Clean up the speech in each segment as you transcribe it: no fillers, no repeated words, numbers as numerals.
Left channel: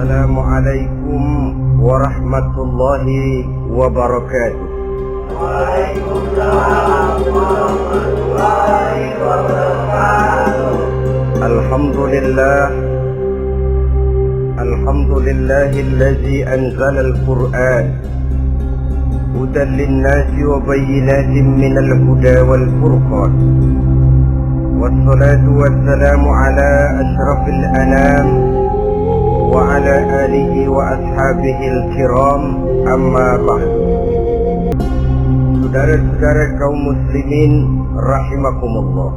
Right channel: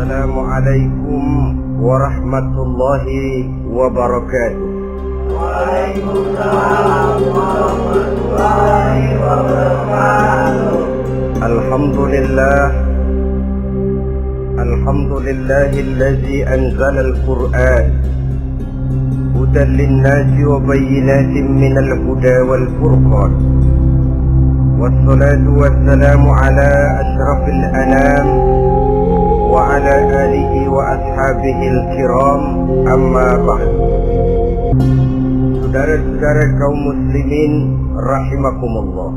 Assalamualaikum warahmatullahi wabarakatuh. Waalaikumsalam warahmatullahi wabarakatuh. Alhamdulillahillazi anzala al-Qur'an hudan lin-nasi wa bayyinatin minal huda wal furqan. Wassalatu wassalamu ala asyrafil anam wa ala alihi wa ashabihil kiram, amma ba'd. Saudara-saudara kaum muslimin rahimakumullah,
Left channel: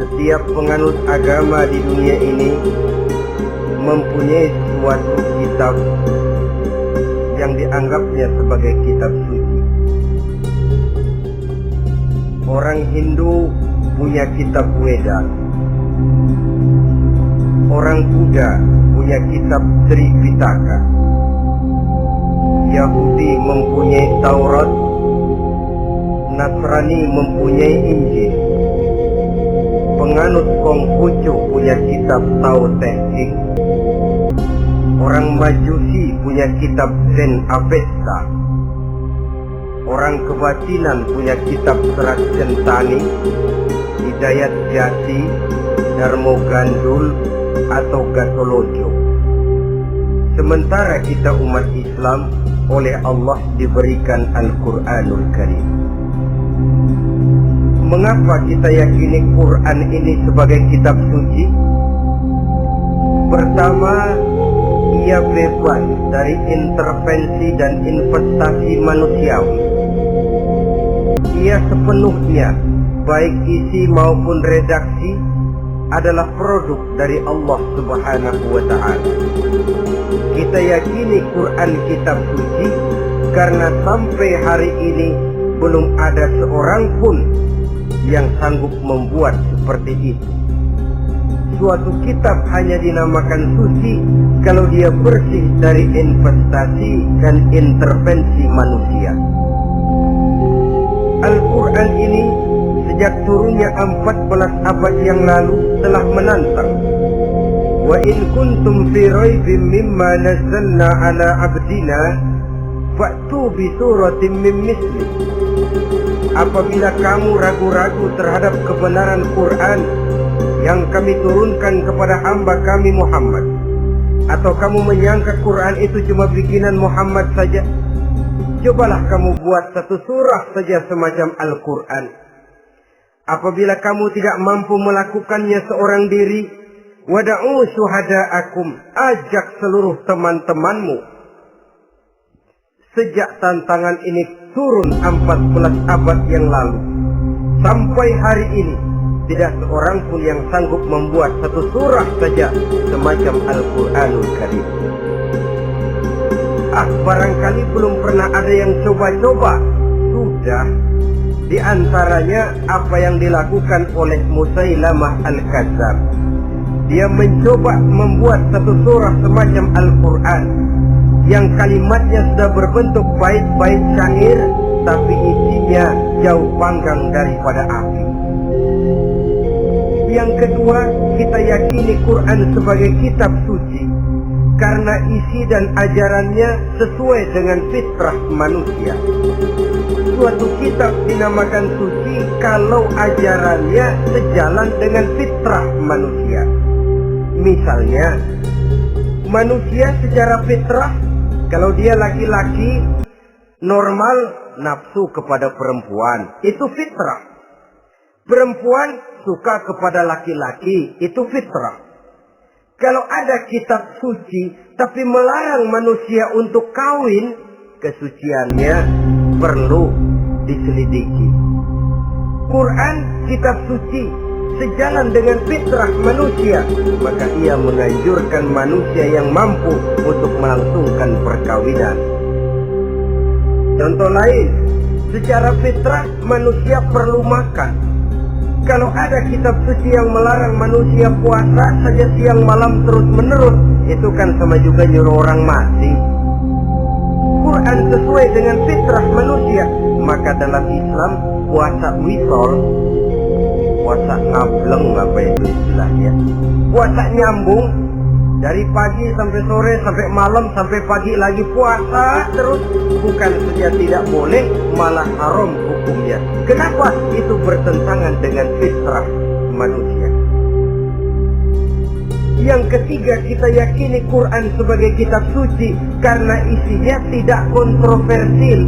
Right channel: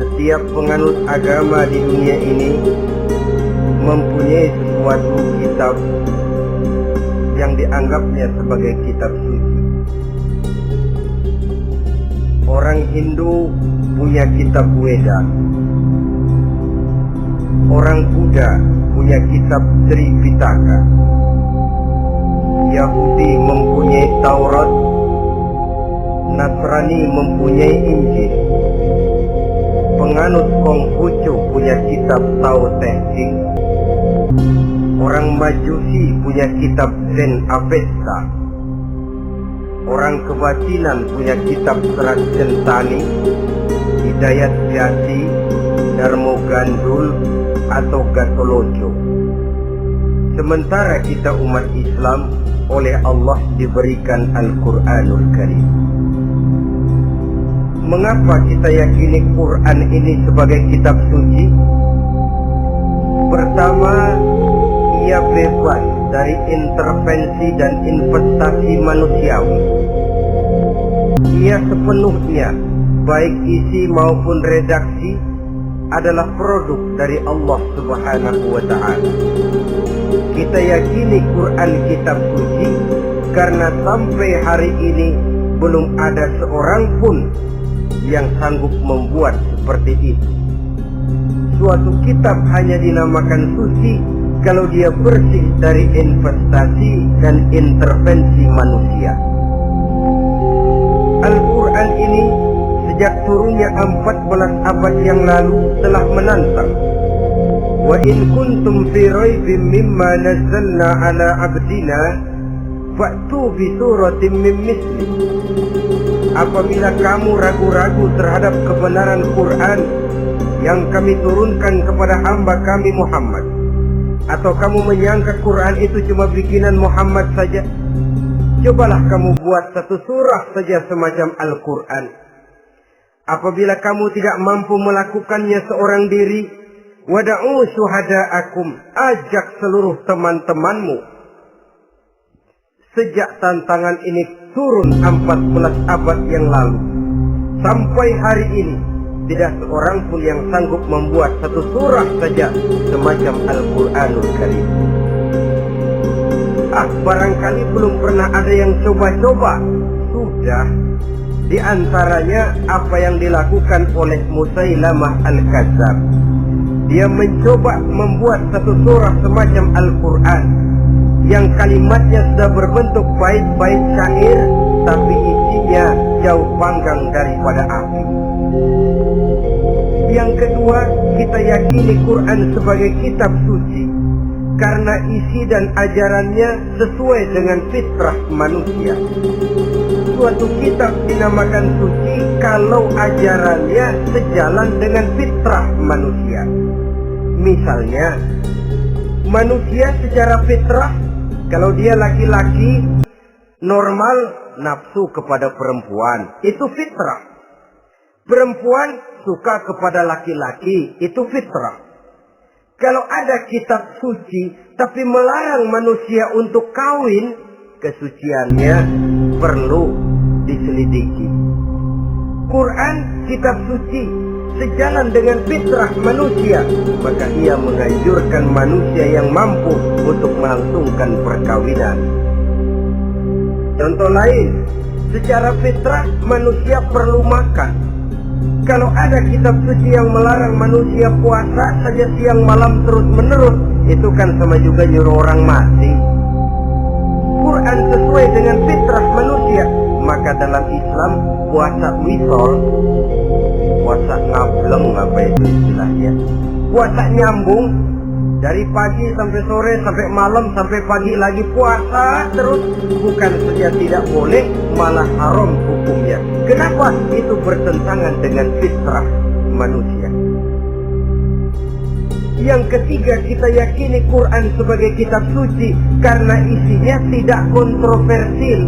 setiap penganut agama di dunia ini mempunyai sesuatu kitab yang dianggapnya sebagai kitab suci. Orang Hindu punya kitab Weda, orang Buddha punya kitab Tripitaka, Yahudi mempunyai Taurat, Nasrani mempunyai Injil, penganut Konghucu punya kitab Tao Te Ching, orang Majusi punya kitab Zen Avesta, orang Kebatinan punya kitab Serat Centani, Hidayat Jati, Darmo Gandul atau Gatolojo. Sementara kita umat Islam oleh Allah diberikan Al-Quranul Karim. Mengapa kita yakini Quran ini sebagai kitab suci? Pertama, ia bebas dari intervensi dan investasi manusiawi. Ia sepenuhnya, baik isi maupun redaksi, adalah produk dari Allah Subhanahu wa ta'ala. Kita yakini Quran kitab suci karena sampai hari ini belum ada seorang pun yang sanggup membuat seperti itu. Suatu kitab hanya dinamakan suci kalau dia bersih dari investasi dan intervensi manusia. Al-Quran ini sejak turunnya 14 abad yang lalu telah menantang. Wa in kuntum fi raibin mimma nazzalna ala abdina fa'tu bi suratin min misli. Apabila kamu ragu-ragu terhadap kebenaran Quran yang kami turunkan kepada hamba kami Muhammad, atau kamu menyangka Quran itu cuma bikinan Muhammad saja, cobalah kamu buat satu surah saja semacam Al-Quran. Apabila kamu tidak mampu melakukannya seorang diri, wada'u syuhada'akum, ajak seluruh teman-temanmu. Sejak tantangan ini turun 14 abad yang lalu, sampai hari ini tidak seorang pun yang sanggup membuat satu surah saja semacam Al-Quranul Karim. Barangkali belum pernah ada yang coba-coba. Sudah. Di antaranya apa yang dilakukan oleh Musailamah Al-Kadzab. Dia mencoba membuat satu surah semacam Al-Quran yang kalimatnya sudah berbentuk bait-bait syair, tapi isinya jauh panggang daripada api. Yang kedua, kita yakini Quran sebagai kitab suci karena isi dan ajarannya sesuai dengan fitrah manusia. Suatu kitab dinamakan suci kalau ajarannya sejalan dengan fitrah manusia. Misalnya, manusia secara fitrah, kalau dia laki-laki normal nafsu kepada perempuan, itu fitrah. Perempuan suka kepada laki-laki, itu fitrah. Kalau ada kitab suci tapi melarang manusia untuk kawin, kesuciannya perlu diselidiki. Quran kitab suci sejalan dengan fitrah manusia, maka ia menganjurkan manusia yang mampu untuk melangsungkan perkawinan. Contoh lain, secara fitrah manusia perlu makan. Kalau ada kitab suci yang melarang manusia puasa saja siang malam terus menerus, itu kan sama juga nyuruh orang mati. Quran sesuai dengan fitrah manusia, maka dalam Islam puasa wisol, puasa ngableng, apa itu istilahnya, puasa nyambung, Dari pagi sampai sore, sampai malam, sampai pagi lagi puasa terus. Bukan saja tidak boleh, malah haram hukumnya. Kenapa? Itu bertentangan dengan fitrah manusia. Yang ketiga, kita yakini Quran sebagai kitab suci karena isinya tidak kontroversial.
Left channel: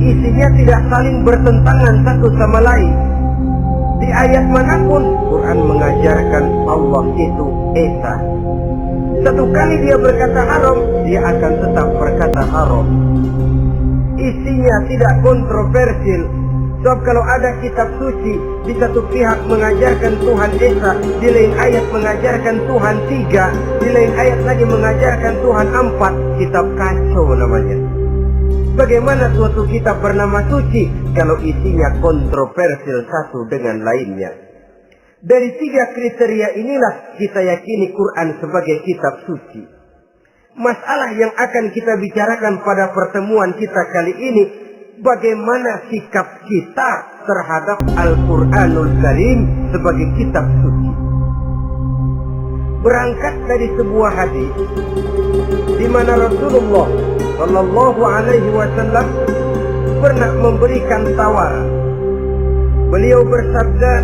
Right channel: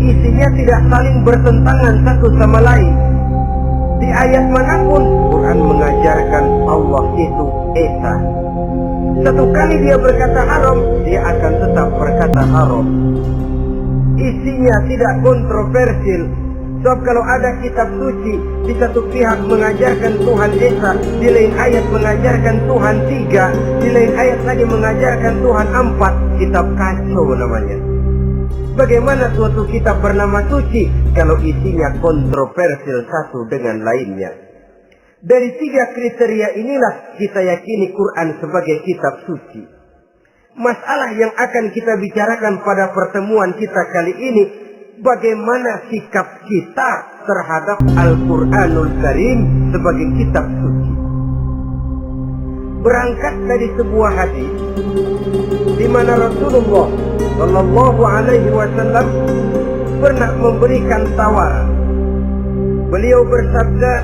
Isinya tidak saling bertentangan satu sama lain. Di ayat manapun Quran mengajarkan Allah itu Esa. Satu kali dia berkata haram, dia akan tetap berkata haram. Isinya tidak kontroversial. Sebab kalau ada kitab suci, di satu pihak mengajarkan Tuhan Esa, di lain ayat mengajarkan Tuhan 3, di lain ayat lagi mengajarkan Tuhan 4, kitab kacau namanya. Bagaimana suatu kitab bernama suci kalau isinya kontroversial satu dengan lainnya? Dari 3 kriteria inilah kita yakini Quran sebagai kitab suci. Masalah yang akan kita bicarakan pada pertemuan kita kali ini, bagaimana sikap kita terhadap Al-Quranul Karim sebagai kitab suci. Berangkat dari sebuah hadis di mana Rasulullah Shallallahu Alaihi Wasallam pernah memberikan tawaran. Beliau bersabda,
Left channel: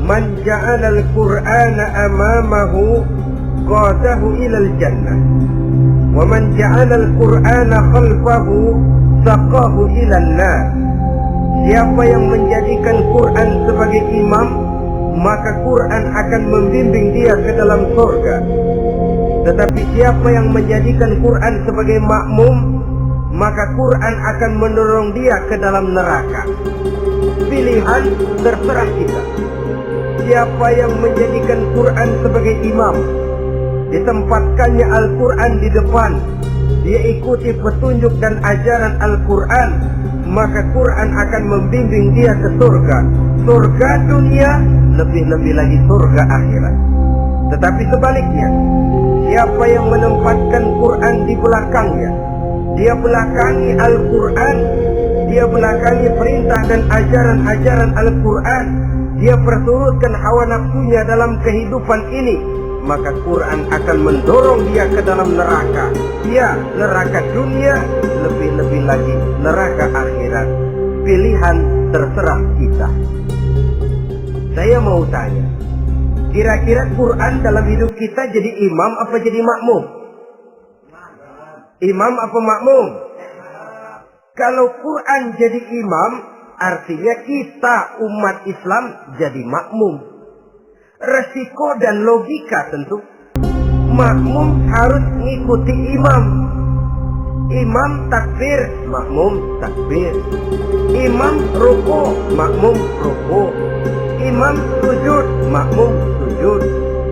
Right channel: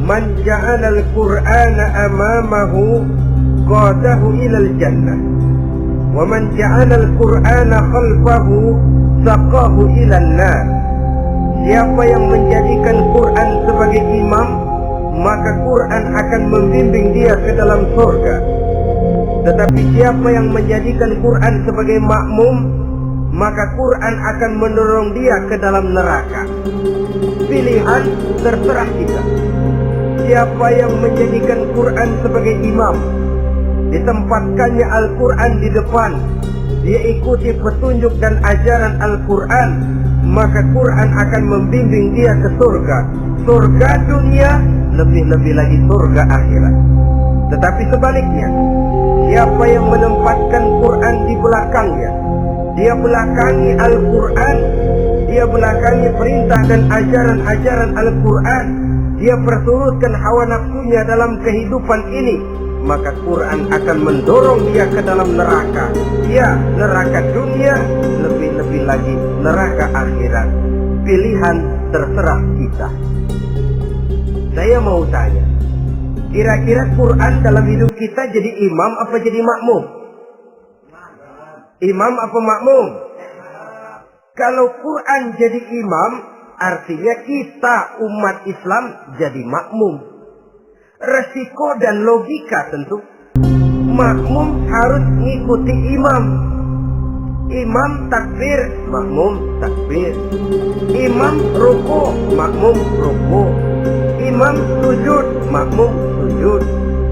"Man ja'ala al-Qur'ana amamahu qadahu ilal jannah, wa man ja'ala al-Qur'ana khalfahu saqahu ilan nar." Siapa yang menjadikan Quran sebagai imam, maka Quran akan membimbing dia ke dalam surga. Tetapi siapa yang menjadikan Quran sebagai makmum, maka Quran akan mendorong dia ke dalam neraka. Pilihan terserah kita. Siapa yang menjadikan Quran sebagai imam, ditempatkannya Al-Quran di depan, dia ikuti petunjuk dan ajaran Al-Quran, maka Quran akan membimbing dia ke surga. Surga dunia, lebih-lebih lagi surga akhirat. Tetapi sebaliknya, siapa yang menempatkan Quran di belakangnya, dia belakangi Al-Quran, dia belakangi perintah dan ajaran-ajaran Al-Quran, dia perturutkan hawa nafsunya dalam kehidupan ini, maka Quran akan mendorong dia ke dalam neraka. Ya, neraka dunia, lebih-lebih lagi neraka akhirat. Pilihan terserah kita. Saya mau tanya, kira-kira Quran dalam hidup kita jadi imam apa jadi makmum? Imam apa makmum? Kalau Quran jadi imam, artinya kita umat Islam jadi makmum. Resiko dan logika tentu. Makmum harus ngikuti imam. Imam takbir, makmum takbir. Imam ruku, makmum ruku. Imam sujud, makmum sujud.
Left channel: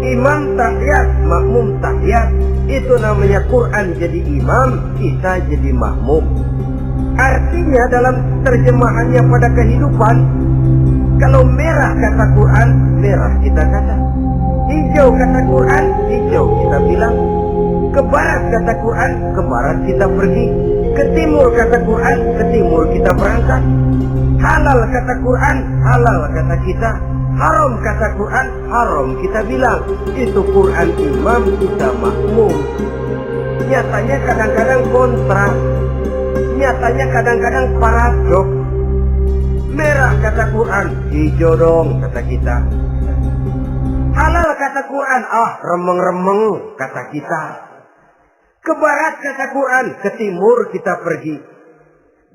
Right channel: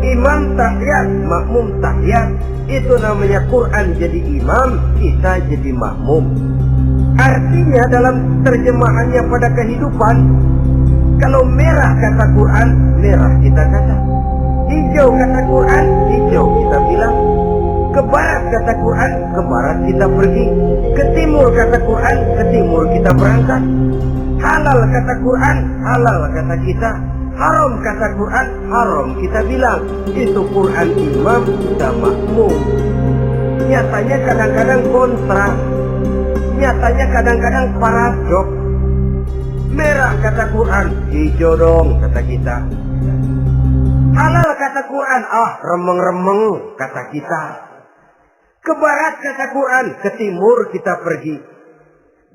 Imam tahiyat, makmum tahiyat. Itu namanya Quran jadi imam, kita jadi makmum. Artinya dalam terjemahannya pada kehidupan, kalau merah kata Quran, merah kita kata. Hijau kata Quran, hijau kita bilang. Ke barat kata Quran, ke barat kita pergi. Ke timur kata Quran, ke timur kita berangkat. Halal kata Quran, halal kata kita. Haram kata Quran, haram kita bilang. Itu Quran imam, kita makmum. Nyatanya kadang-kadang kontra. Nyatanya kadang-kadang paradok. Merah kata Quran, hijau dong kata kita. Halal kata Quran, remeng-remeng kata kita. Ke barat kata Quran, ke timur kita pergi.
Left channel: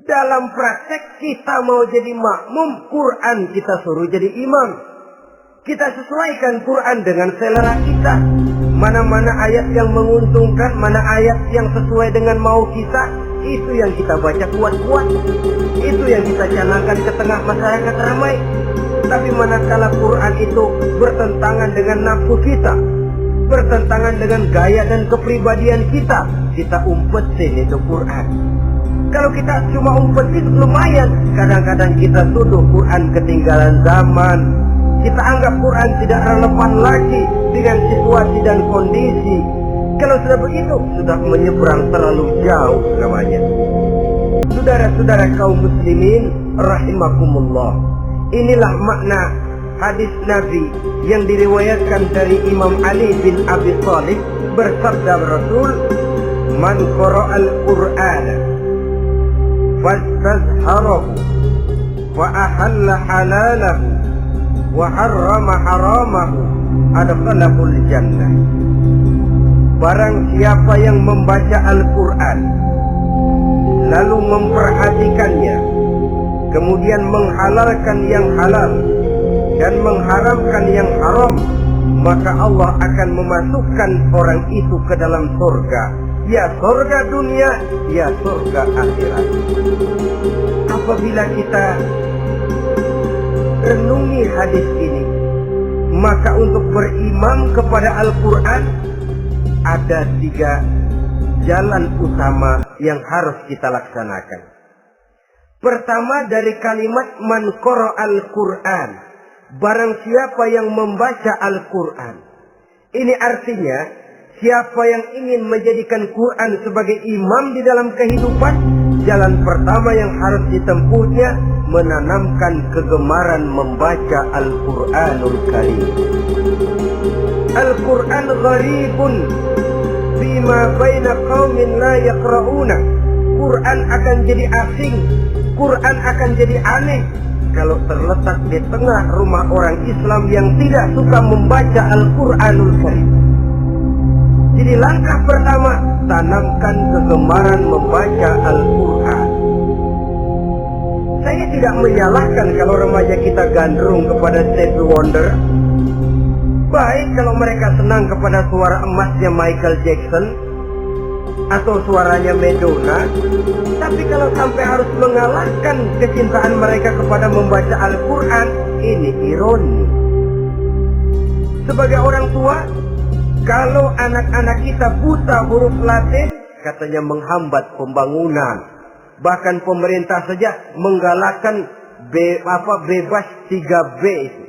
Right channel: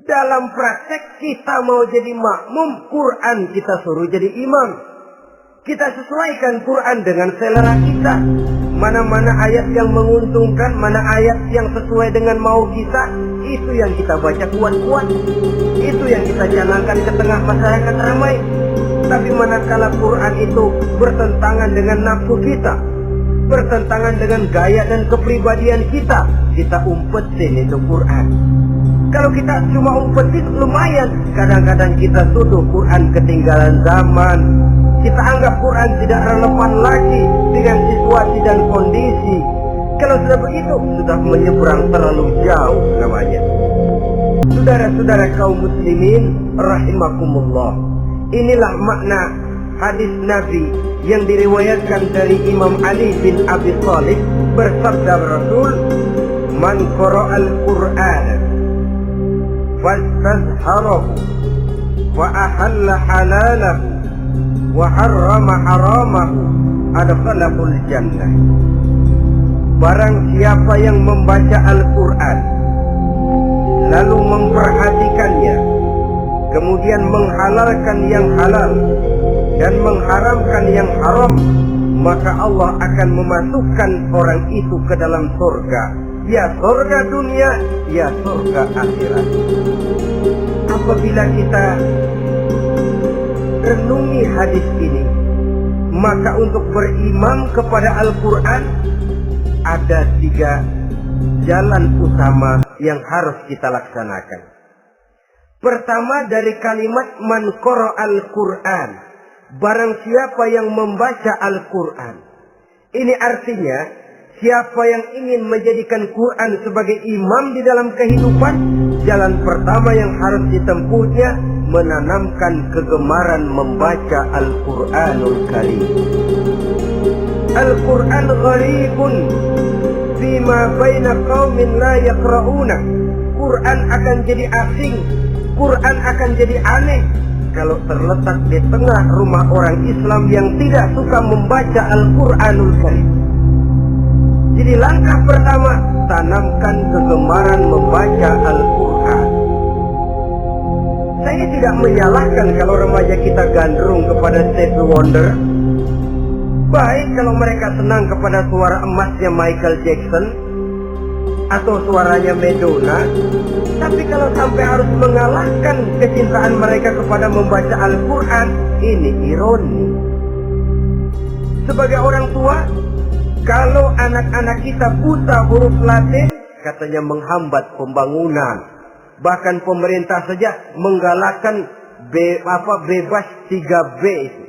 Dalam praktek kita mau jadi makmum, Quran kita suruh jadi imam. Kita sesuaikan Quran dengan selera kita. Mana-mana ayat yang menguntungkan, mana ayat yang sesuai dengan mau kita, itu yang kita baca kuat-kuat. Itu yang kita canangkan ke tengah masyarakat ramai. Tapi manakala Quran itu bertentangan dengan nafsu kita, bertentangan dengan gaya dan kepribadian kita umpetin itu Quran. Kalau kita cuma umpetin lumayan, kadang-kadang kita tuduh Quran ketinggalan zaman. Kita anggap Quran tidak relevan lagi dengan situasi dan kondisi. Kalau sudah begitu, sudah menyeberang terlalu jauh namanya. Saudara-saudara kaum muslimin rahimakumullah. Inilah makna hadis Nabi yang diriwayatkan dari Imam Ali bin Abi Thalib, bersabda Rasul, "Man qara'al Qur'ana fastazharahu wa ahalla halalahu wa harrama haramahu adkhalahul jannah." Barang siapa yang membaca Al-Quran lalu memperhatikannya, kemudian menghalalkan yang halal dan mengharamkan yang haram, maka Allah akan memasukkan orang itu ke dalam surga, ya surga dunia, ya surga akhirat. Apabila kita renungi hadis ini, maka untuk beriman kepada Al-Quran ada 3 jalan utama yang harus kita laksanakan. Pertama, dari kalimat man qara'al Qur'an, barang siapa yang membaca Al-Quran. Ini artinya siapa yang ingin menjadikan Quran sebagai imam di dalam kehidupan, jalan pertama yang harus ditempuhnya menanamkan kegemaran membaca Al-Quranul Karim. Al-Quran gharibun bima baina qaumin la yaqra'una. Quran akan jadi asing, Quran akan jadi aneh kalau terletak di tengah rumah orang Islam yang tidak suka membaca Al-Quranul Karim. Jadi langkah pertama, tanamkan kegemaran membaca Al-Quran. Saya tidak menyalahkan kalau remaja kita gandrung kepada Stevie Wonder. Baik kalau mereka senang kepada suara emasnya Michael Jackson atau suaranya Madonna. Tapi kalau sampai harus mengalahkan kecintaan mereka kepada membaca Al-Quran, ini ironi. Sebagai orang tua, kalau anak-anak kita buta huruf Latin, katanya menghambat pembangunan. Bahkan pemerintah saja menggalakkan bebas 3B itu.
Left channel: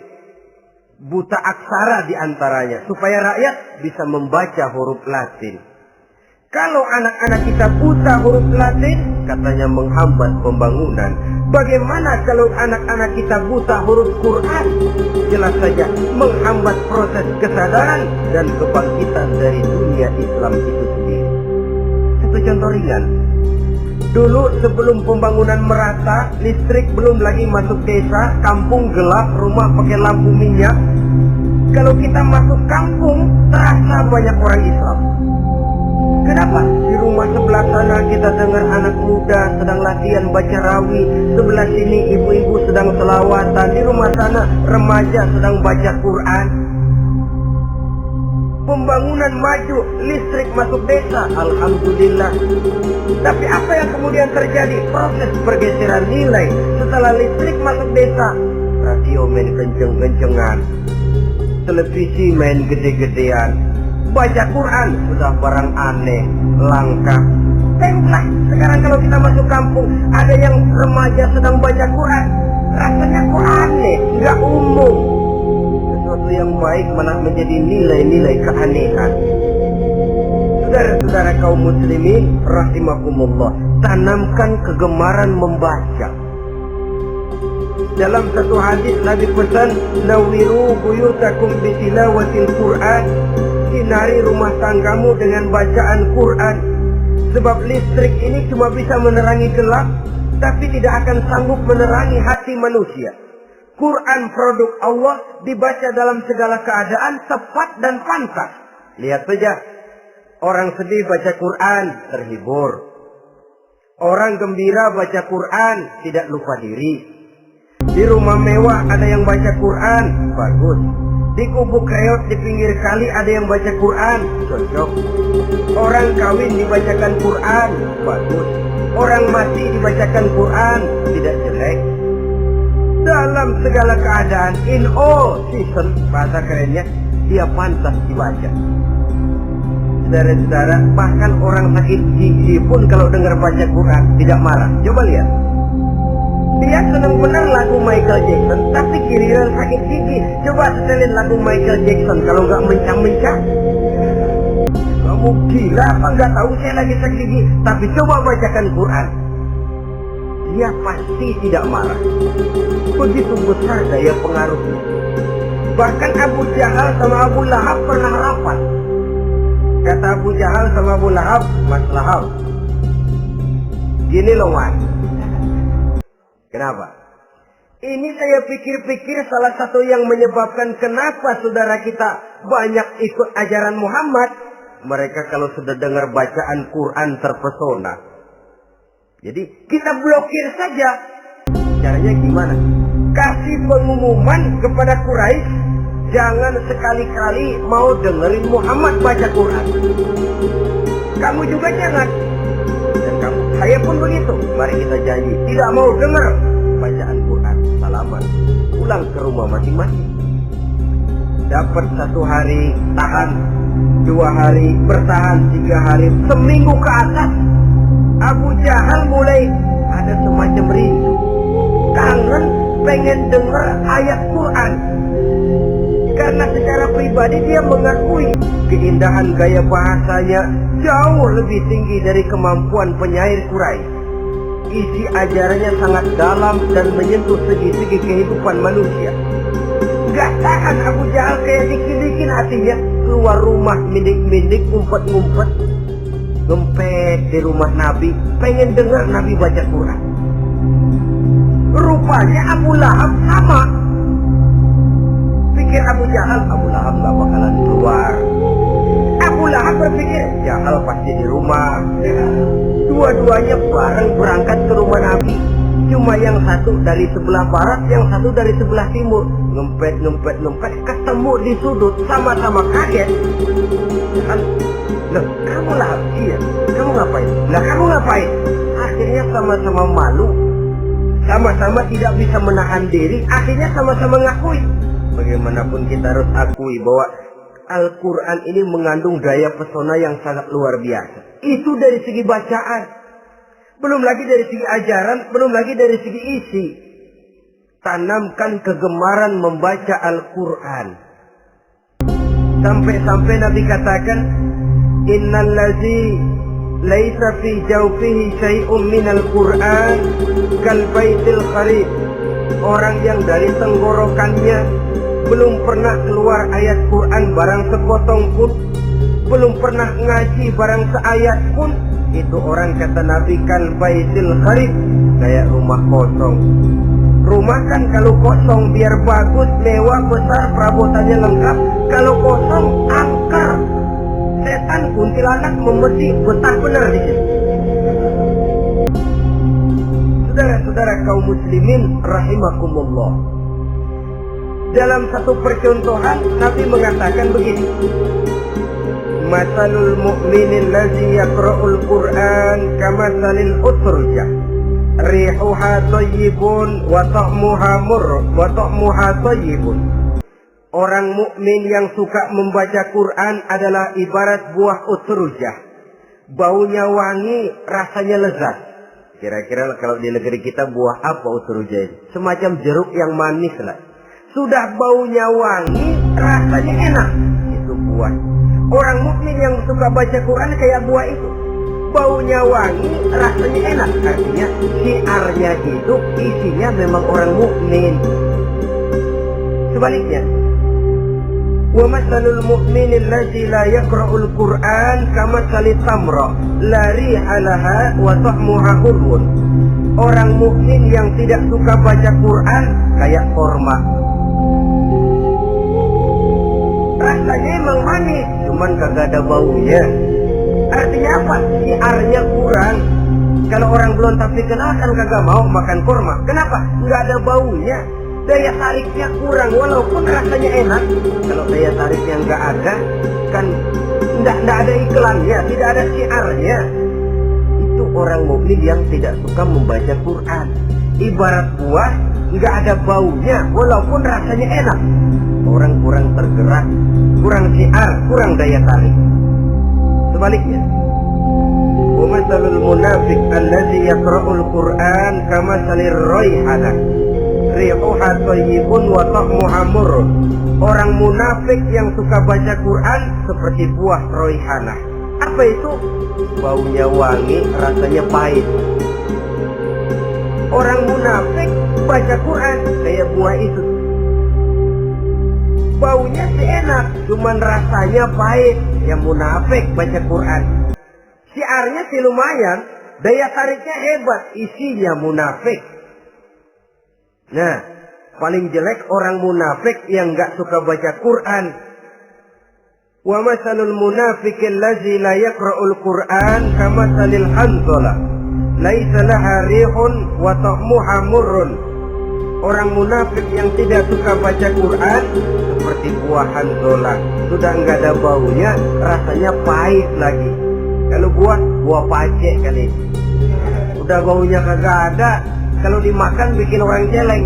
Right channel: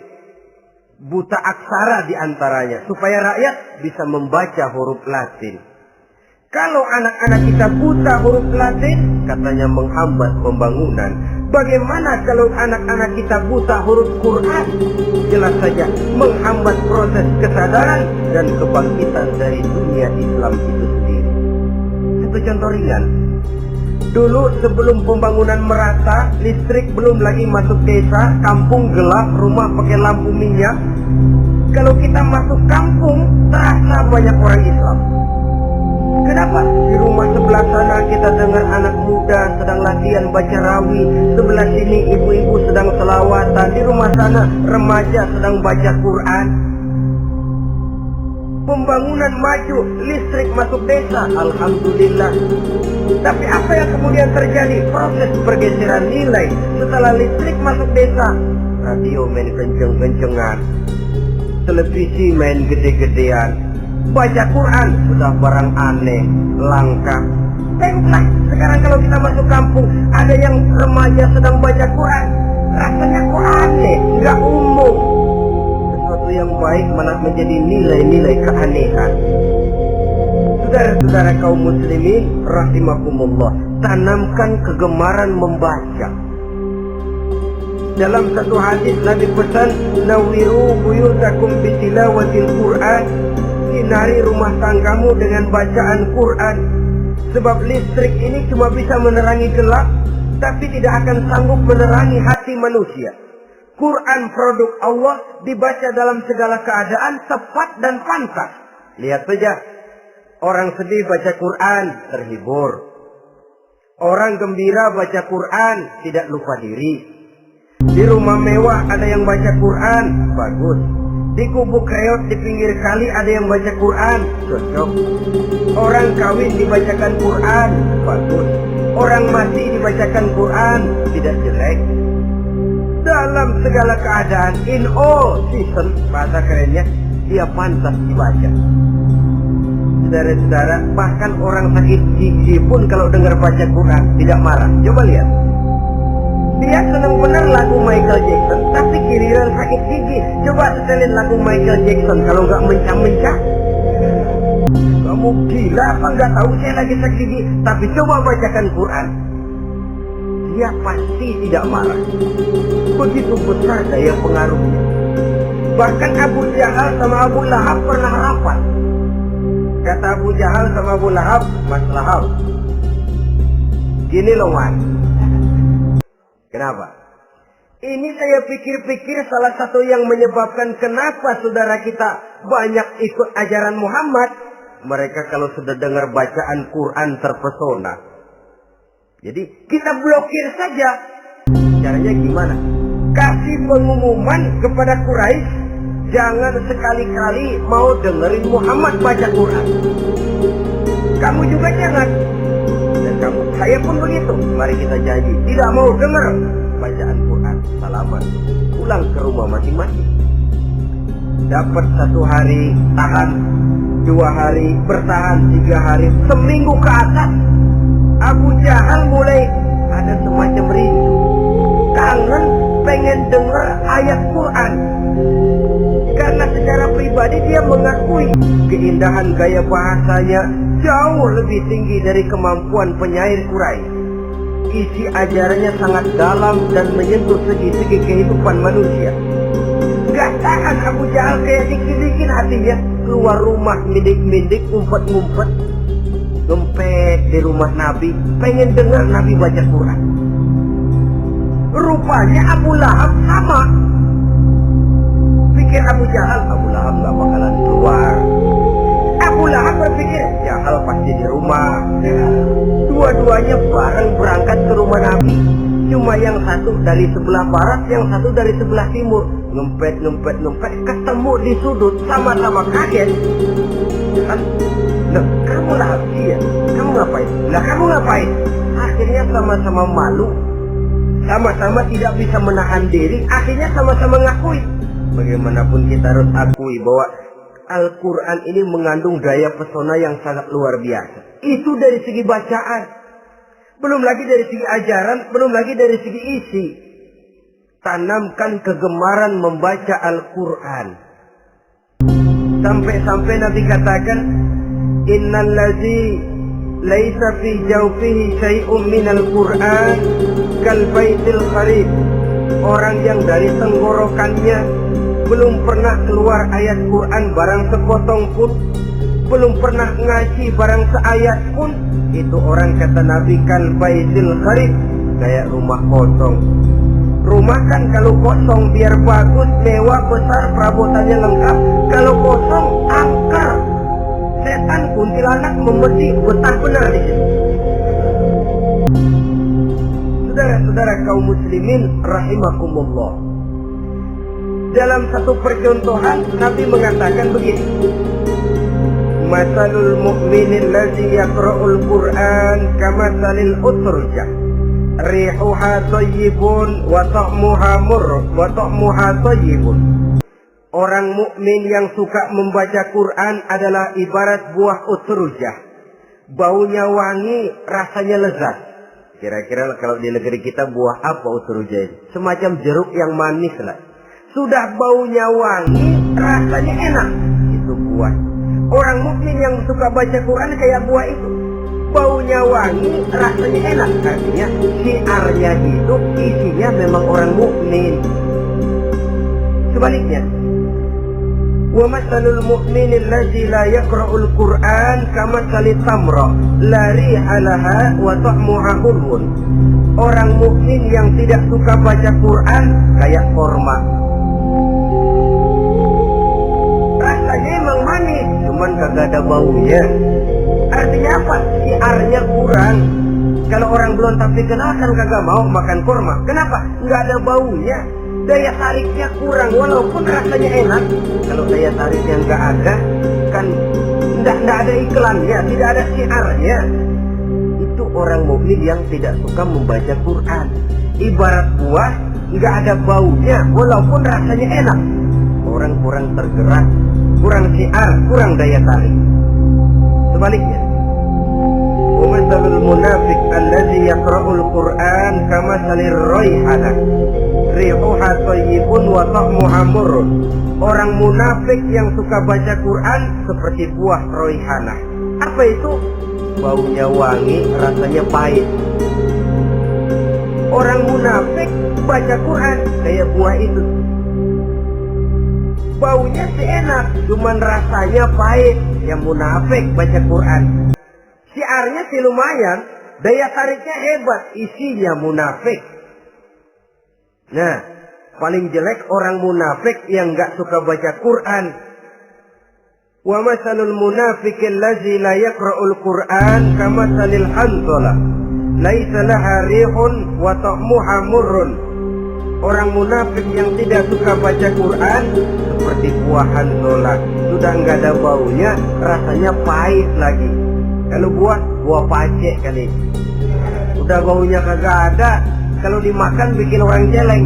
Buta aksara diantaranya, supaya rakyat bisa membaca huruf Latin. Kalau anak-anak kita buta huruf Latin, katanya menghambat pembangunan. Bagaimana kalau anak-anak kita buta huruf Quran? Jelas saja menghambat proses kesadaran dan kebangkitan dari dunia Islam itu sendiri. Satu contoh ringan. Dulu sebelum pembangunan merata, listrik belum lagi masuk desa, kampung gelap, rumah pakai lampu minyak. Kalau kita masuk kampung, terasa banyak orang Islam. Kenapa? Di rumah sebelah sana kita dengar anak muda sedang latihan baca rawi, sebelah sini ibu-ibu sedang selawatan, di rumah sana remaja sedang baca Quran. Pembangunan maju, listrik masuk desa, alhamdulillah. Tapi apa yang kemudian terjadi? Proses pergeseran nilai. Setelah listrik masuk desa, radio main kenceng-kencengan, televisi main gede-gedean, baca Quran sudah barang aneh, langka. Tengoklah sekarang kalau kita masuk kampung, ada yang remaja sedang baca Quran, rasanya kok aneh, nggak umum. Sesuatu yang baik malah menjadi nilai-nilai keanehan. Saudara-saudara kaum muslimin rahimakumullah, tanamkan kegemaran membaca. Dalam satu hadis Nabi pesan, nawiru buyutakum bitilawatil Quran, sinari rumah tanggamu dengan bacaan Quran. Sebab listrik ini cuma bisa menerangi gelap, tapi tidak akan sanggup menerangi hati manusia. Quran produk Allah, dibaca dalam segala keadaan, tepat dan pantas. Lihat saja, orang sedih baca Quran, terhibur. Orang gembira baca Quran, tidak lupa diri. Di rumah mewah ada yang baca Quran, bagus. Di kubu kreot di pinggir kali ada yang baca Quran, cocok. Orang kawin dibacakan Quran, bagus. Orang mati dibacakan Quran, tidak jelek. Dalam segala keadaan, in all season, bahasa kerennya, dia pantas dibaca. Saudara-saudara, bahkan orang sakit gigi pun kalau dengar baca Quran tidak marah. Coba lihat. Dia senang benar lagu Michael Jackson, tapi giliran sakit gigi, coba setelin lagu Michael Jackson kalau nggak mencah-mencah. Kamu gila apa nggak tahu saya lagi sakit gigi? Tapi coba bacakan Quran, dia pasti tidak marah. Begitu besar daya pengaruhnya. Bahkan Abu Jahal sama Abu Lahab pernah rapat. Kata Abu Jahal sama Abu Lahab, Mas Lahab, gini loh Mas. Kenapa? Ini saya pikir-pikir salah satu yang menyebabkan kenapa saudara kita banyak ikut ajaran Muhammad. Mereka kalau sudah dengar bacaan Quran terpesona. Jadi kita blokir saja. Caranya gimana? Kasih pengumuman kepada Quraisy, jangan sekali-kali mau dengerin Muhammad baca Quran. Kamu juga jangan. Dan saya pun begitu. Mari kita janji, tidak mau dengar bacaan Quran. Salaman, pulang ke rumah masing-masing. Dapat 1 hari, tahan 2 hari, bertahan 3 hari, seminggu ke atas. Abu Jahal mulai ada semacam rindu, kangen, pengen dengar ayat Quran. Karena secara pribadi dia mengakui keindahan gaya bahasanya jauh lebih tinggi dari kemampuan penyair Quraisy. Isi ajarannya sangat dalam dan menyentuh segi-segi kehidupan manusia. Gak tahan Abu Jahal, kayak dikit-dikit hatinya. Keluar rumah mindik-mindik, ngumpet-ngumpet, ngempet di rumah Nabi, pengen dengar Nabi baca Quran. Rupanya Abu Lahab sama. Pikir Abu Jahal, Abu Lahab gak bakalan keluar. Abu Lahab berpikir, Jahal pasti di rumah. Dua-duanya bareng berangkat ke rumah Nabi. Cuma yang satu dari sebelah barat, yang satu dari sebelah timur. Ngempet, ketemu di sudut, sama-sama kaget. Ya kan? Nah, kamu Lahab, iya. Kamu ngapain? Lah kamu ngapain? Akhirnya sama-sama malu, sama-sama tidak bisa menahan diri. Akhirnya sama-sama ngakui. Bagaimanapun kita harus akui bahwa Al-Quran ini mengandung daya pesona yang sangat luar biasa. Itu dari segi bacaan. Belum lagi dari segi ajaran, belum lagi dari segi isi. Tanamkan kegemaran membaca Al-Quran. Sampai-sampai Nabi katakan, Innal ladzi laisa fi jawfihi syai'un minal Qur'an kal baitil kharib. Orang yang dari tenggorokannya belum pernah keluar ayat Quran barang sepotong pun, belum pernah ngaji barang seayat pun, itu orang kata Nabi kal baitil kharib, kayak rumah kosong. Rumah kan kalau kosong biar bagus, mewah, besar, perabotannya lengkap. Kalau kosong, angker. Setan, kuntilanak, membersih, betah benar di situ. Saudara-saudara kaum muslimin rahimakumullah. Dalam satu percontohan Nabi mengatakan begini. Masalul mu'minil ladzi yaqra'ul Qur'an kamatsalil utrujah. Rihuha thayyibun wa ta'muha murr wa ta'muha thayyibun. Orang mukmin yang suka membaca Quran adalah ibarat buah utrujah. Baunya wangi, rasanya lezat. Kira-kira kalau di negeri kita buah apa utrujah itu? Semacam jeruk yang manis lah. Sudah baunya wangi, rasanya enak. Itu buah. Orang mukmin yang suka baca Quran kayak buah itu. Baunya wangi, rasanya enak. Artinya syiarnya hidup, isinya memang orang mukmin. Sebaliknya, wa masalul mu'minil ladzi la yaqra'ul Qur'an kamatsalit tamra la riha laha wa ta'muha hulwun. Orang mukmin yang tidak suka baca Quran kayak korma. Rasanya emang manis, cuman kagak ada baunya. Artinya apa? Siarnya kurang. Kalau orang belum tapi kenal kan kagak mau makan kurma. Kenapa? Nggak ada baunya. Daya tariknya kurang, walaupun rasanya enak. Kalau daya tariknya nggak ada, kan nggak ada iklannya, tidak ada siarnya. Itu orang mukmin yang tidak suka membaca Quran. Ibarat buah, nggak ada baunya, walaupun rasanya enak. Orang kurang tergerak, kurang siar, kurang daya tarik. Sebaliknya, wa masalul munafiq allazi yaqra'ul Qur'an kamatsalir raihanah rihuha thayyibun wa ta'muha murr. Orang munafik yang suka baca Quran seperti buah raihanah. Apa itu? Baunya wangi, rasanya pahit. Orang munafik baca Quran kayak buah itu. Baunya sih enak, cuman rasanya pahit. Yang munafik baca Quran. Syiarnya sih lumayan, daya tariknya hebat, isinya munafik. Nah, paling jelek orang munafik yang gak suka baca Quran. Wa masalul munafiqil ladzi la yaqra'ul Qur'an kamatsalil hanzalah laisa laha rihun wa ta'muha murrun. Orang munafik yang tidak suka baca Quran seperti buah hanzalah, sudah enggak ada baunya, rasanya pahit lagi. Kalau buah pacek kali. Udah baunya kagak ada, kalau dimakan bikin orang celeng.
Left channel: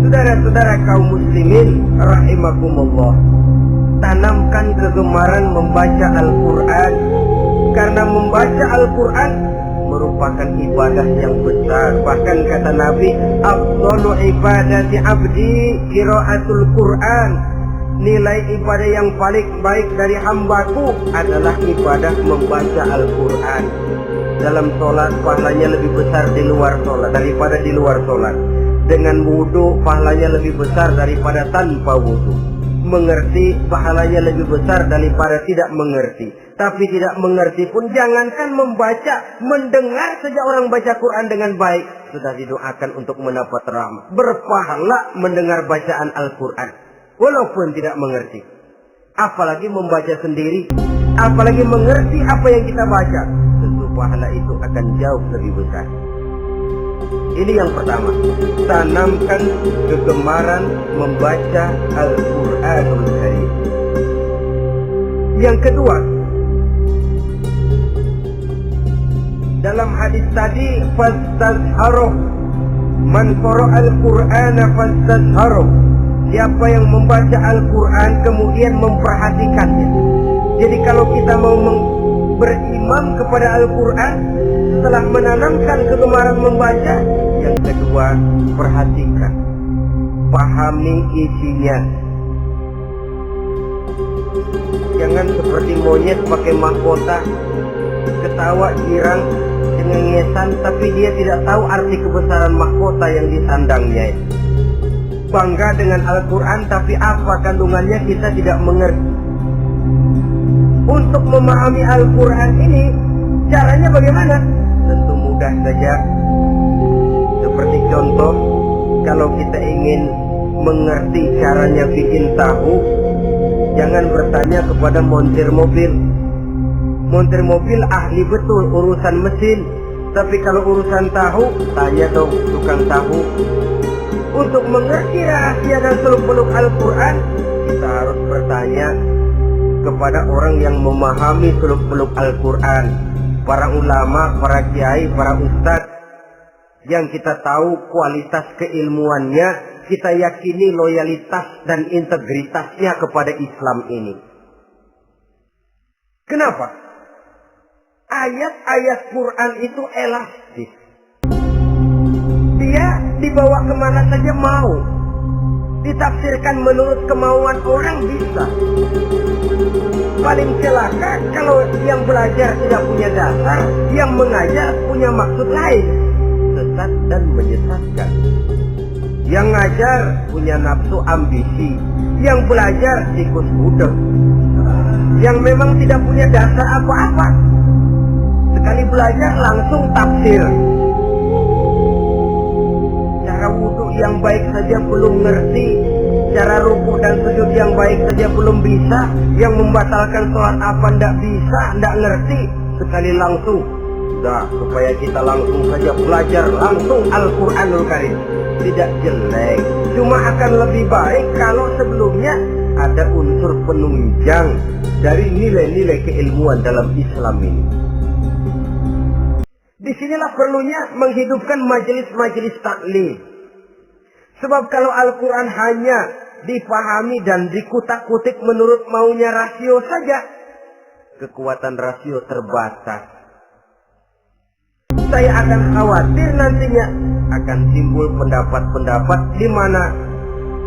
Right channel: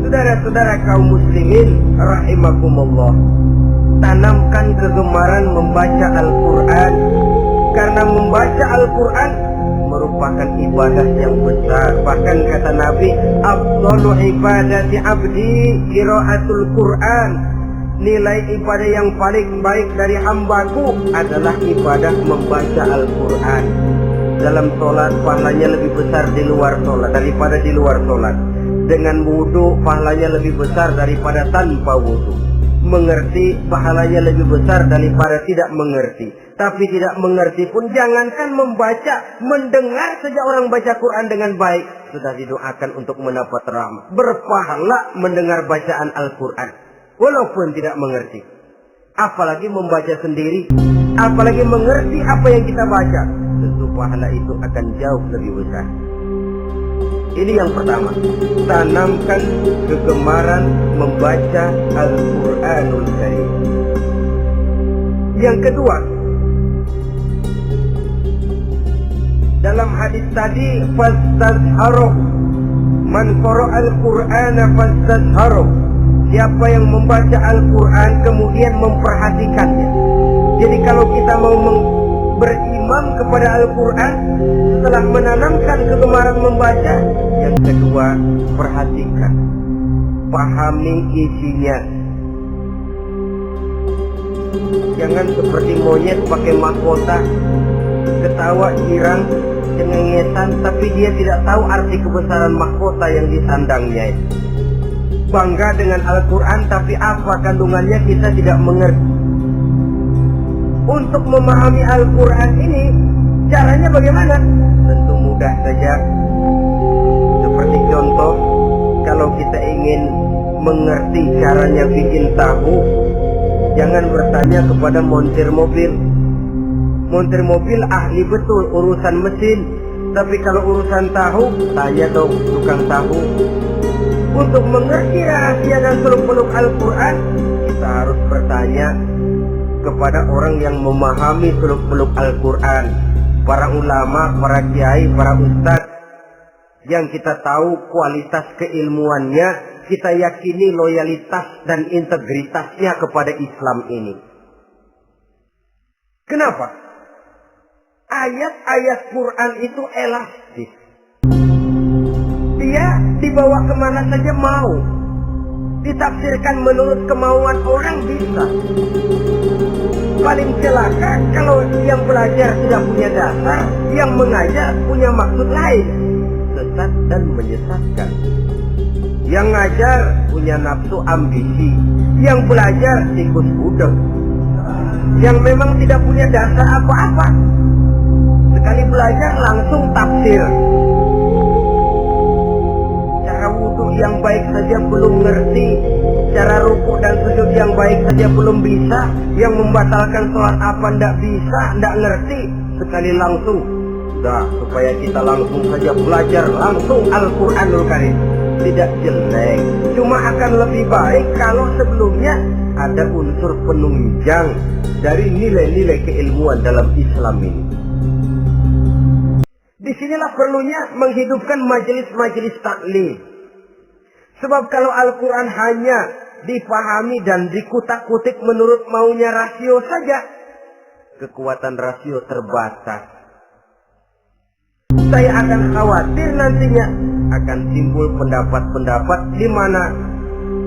Saudara-saudara kaum muslimin rahimakumullah, tanamkan kegemaran membaca Al-Qur'an, karena membaca Al-Qur'an merupakan ibadah yang besar. Bahkan kata Nabi, afdalu ibadati abdi qiraatul Qur'an. Nilai ibadah yang paling baik dari hambaku adalah ibadah membaca Al-Qur'an. Dalam sholat pahalanya lebih besar di luar sholat daripada di luar sholat. Dengan wudu pahalanya lebih besar daripada tanpa wudu. Mengerti pahalanya lebih besar daripada tidak mengerti. Tapi tidak mengerti pun jangankan membaca, mendengar saja orang baca Quran dengan baik sudah didoakan untuk mendapat rahmat. Berpahala mendengar bacaan Al-Quran walaupun tidak mengerti. Apalagi membaca sendiri, apalagi mengerti apa yang kita baca, tentu pahala itu akan jauh lebih besar. Ini yang pertama, tanamkan kegemaran membaca Al-Quranul Karim. Yang kedua, dalam hadis tadi, fastazharuh, man qara'al Qur'ana fastazharuh. Siapa yang membaca Al-Quran kemudian memperhatikannya. Jadi kalau kita mau berimam kepada Al-Quran, setelah menanamkan kegemaran membaca, yang kedua, perhatikan, pahami isinya. Jangan seperti monyet pakai mahkota, ketawa, girang, cengengesan, tapi dia tidak tahu arti kebesaran mahkota yang disandangnya. Bangga dengan Al-Quran, tapi apa kandungannya kita tidak mengerti. Untuk memahami Al-Quran ini, caranya bagaimana? Tentu mudah saja. Seperti contoh, kalau kita ingin mengerti caranya bikin tahu, jangan bertanya kepada montir mobil. Montir mobil ahli betul urusan mesin, tapi kalau urusan tahu, tanya dong tukang tahu. Untuk mengerti rahasia dan seluk-beluk Al-Quran, kita harus bertanya kepada orang yang memahami seluk-beluk Al-Quran, para ulama, para kiai, para ustadz, yang kita tahu kualitas keilmuannya, kita yakini loyalitas dan integritasnya kepada Islam ini. Kenapa? Ayat-ayat Quran itu elastis. Dia dibawa kemana saja mau. Ditafsirkan menurut kemauan orang bisa. Paling celaka kalau yang belajar tidak punya dasar, yang mengajar punya maksud lain, sesat dan menyesatkan. Yang ngajar punya nafsu ambisi, yang belajar tikus budek, yang memang tidak punya dasar apa-apa. Sekali belajar langsung tafsir. Cara wudhu yang baik saja belum ngerti, cara rukuk dan sujud yang baik saja belum bisa, yang membatalkan sholat apa ndak bisa, ndak ngerti. Sekali langsung, supaya kita langsung saja belajar langsung Al-Quranul Karim. Tidak jelek, cuma akan lebih baik kalau sebelumnya ada unsur penunjang dari nilai-nilai keilmuan dalam Islam ini. Disinilah perlunya menghidupkan majelis-majelis taklim. Sebab kalau Al-Quran hanya dipahami dan dikutak-kutik menurut maunya rasio saja, kekuatan rasio terbatas. Saya akan khawatir nantinya akan timbul pendapat-pendapat di mana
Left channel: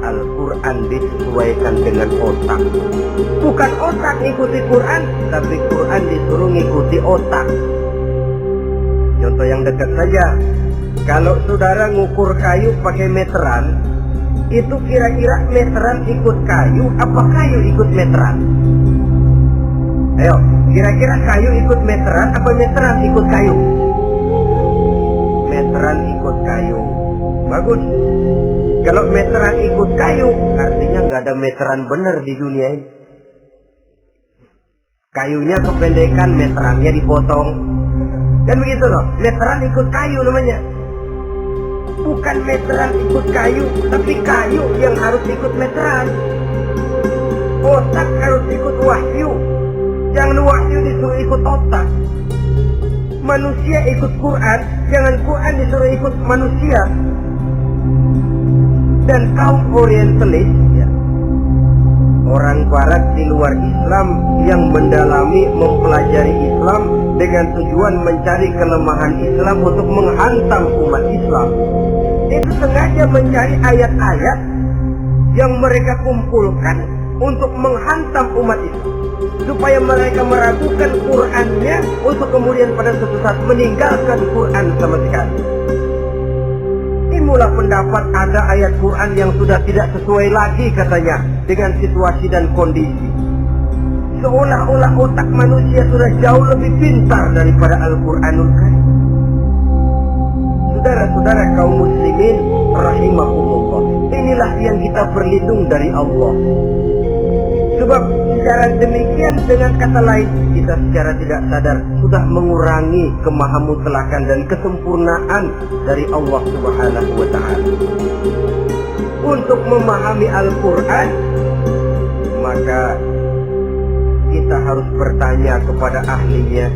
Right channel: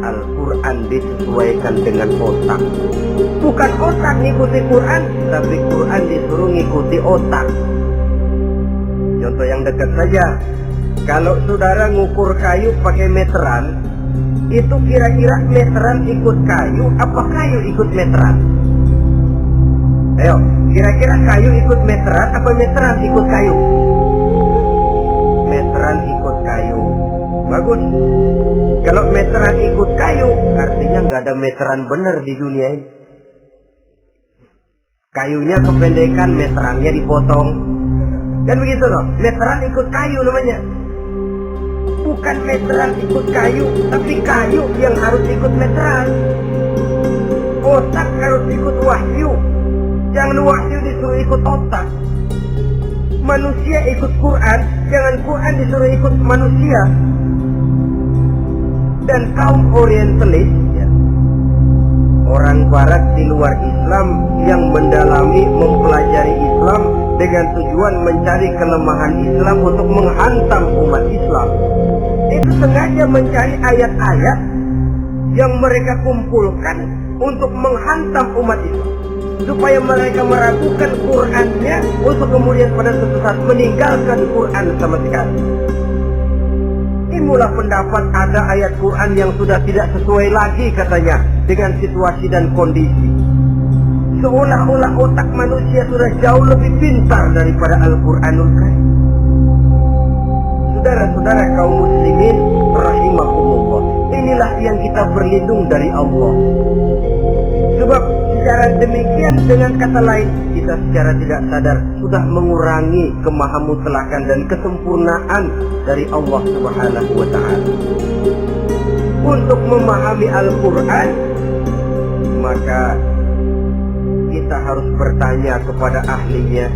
Al-Quran disesuaikan dengan otak. Bukan otak ngikuti Quran, tapi Quran disuruh ngikuti otak. Contoh yang dekat saja, kalau saudara ngukur kayu pakai meteran, itu kira-kira meteran ikut kayu, apa kayu ikut meteran? Ayo, kira-kira kayu ikut meteran, apa meteran ikut kayu? Meteran ikut kayu. Bagus. Kalau meteran ikut kayu, artinya nggak ada meteran benar di dunia ini. Kayunya kependekan, meterannya dipotong. Kan begitu loh, meteran ikut kayu namanya. Bukan meteran ikut kayu, tapi kayu yang harus ikut meteran. Otak harus ikut wahyu. Jangan wahyu disuruh ikut otak. Manusia ikut Quran, jangan Quran disuruh ikut manusia. Dan kaum orientalis, ya, orang barat di luar Islam yang mendalami, mempelajari Islam dengan tujuan mencari kelemahan Islam untuk menghantam umat Islam. Itu sengaja mencari ayat-ayat yang mereka kumpulkan untuk menghantam umat Islam, supaya mereka meragukan Qurannya untuk kemudian pada suatu saat meninggalkan Quran sama sekali. Inilah pendapat ada ayat Quran yang sudah tidak sesuai lagi katanya dengan situasi dan kondisi. Seolah-olah otak manusia sudah jauh lebih pintar daripada Al-Quranul Karim. Saudara-saudara kaum muslimin rahimakumullah, inilah yang kita berlindung dari Allah. Sebab secara demikian, dengan kata lain, kita secara tidak sadar sudah mengurangi kemahamutlakan dan kesempurnaan dari Allah Subhanahu wa ta'ala. Untuk memahami Al-Quran, maka kita harus bertanya kepada ahlinya,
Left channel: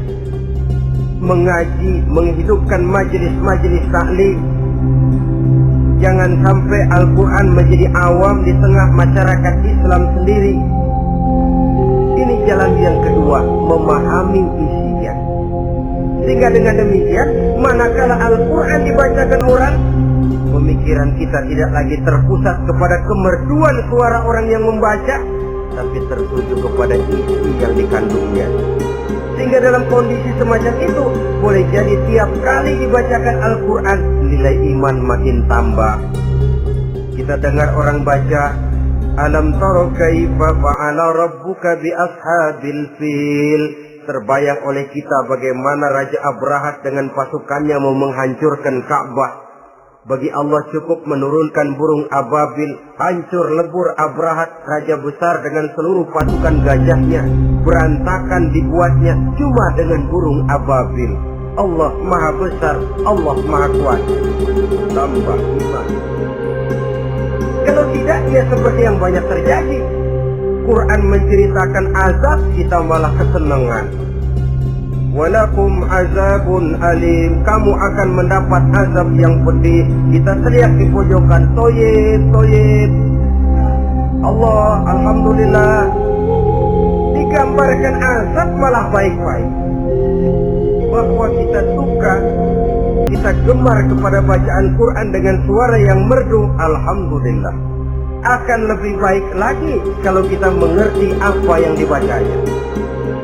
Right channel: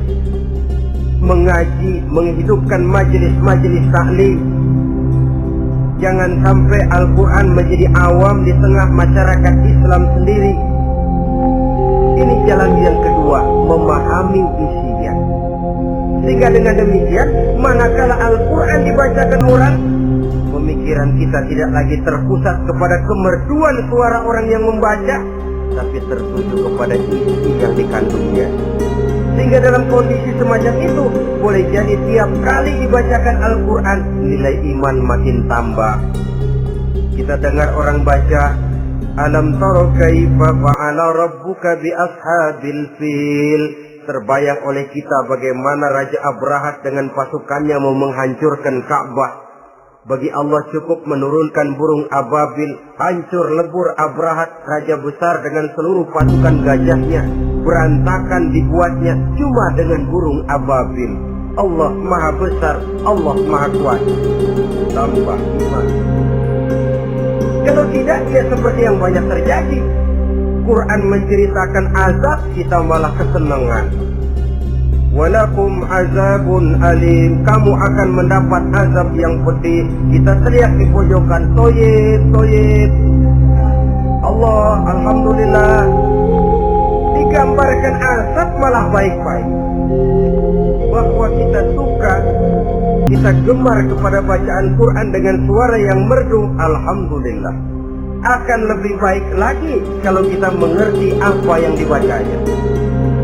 mengaji, menghidupkan majelis-majelis taklim. Jangan sampai Al-Quran menjadi awam di tengah masyarakat Islam sendiri. Ini jalan yang kedua, memahami isinya. Sehingga dengan demikian, manakala Al-Quran dibacakan orang, pemikiran kita tidak lagi terpusat kepada kemerduan suara orang yang membaca, tapi tertuju kepada isi yang dikandungnya. Sehingga dalam kondisi semacam itu, boleh jadi tiap kali dibacakan Al-Quran, nilai iman makin tambah. Kita dengar orang baca, Alam tara kaifa fa'ala rabbuka bi ashabil fil. Terbayang oleh kita bagaimana Raja Abrahat dengan pasukannya mau menghancurkan Ka'bah. Bagi Allah cukup menurunkan burung ababil, hancur lebur Abrahat, raja besar dengan seluruh pasukan gajahnya. Berantakan dibuatnya cuma dengan burung ababil. Allah maha besar, Allah maha kuat. Tambah iman. Kalau tidak, ya seperti yang banyak terjadi. Quran menceritakan azab, kita malah kesenangan. Walakum azabun alim, kamu akan mendapat azab yang pedih. Kita teriak di pojokan, toyib, toyib. Allah, alhamdulillah. Digambarkan azab malah baik-baik. Bahwa kita suka, kita gemar kepada bacaan Quran dengan suara yang merdu, alhamdulillah. Akan lebih baik lagi kalau kita mengerti apa yang dibacanya.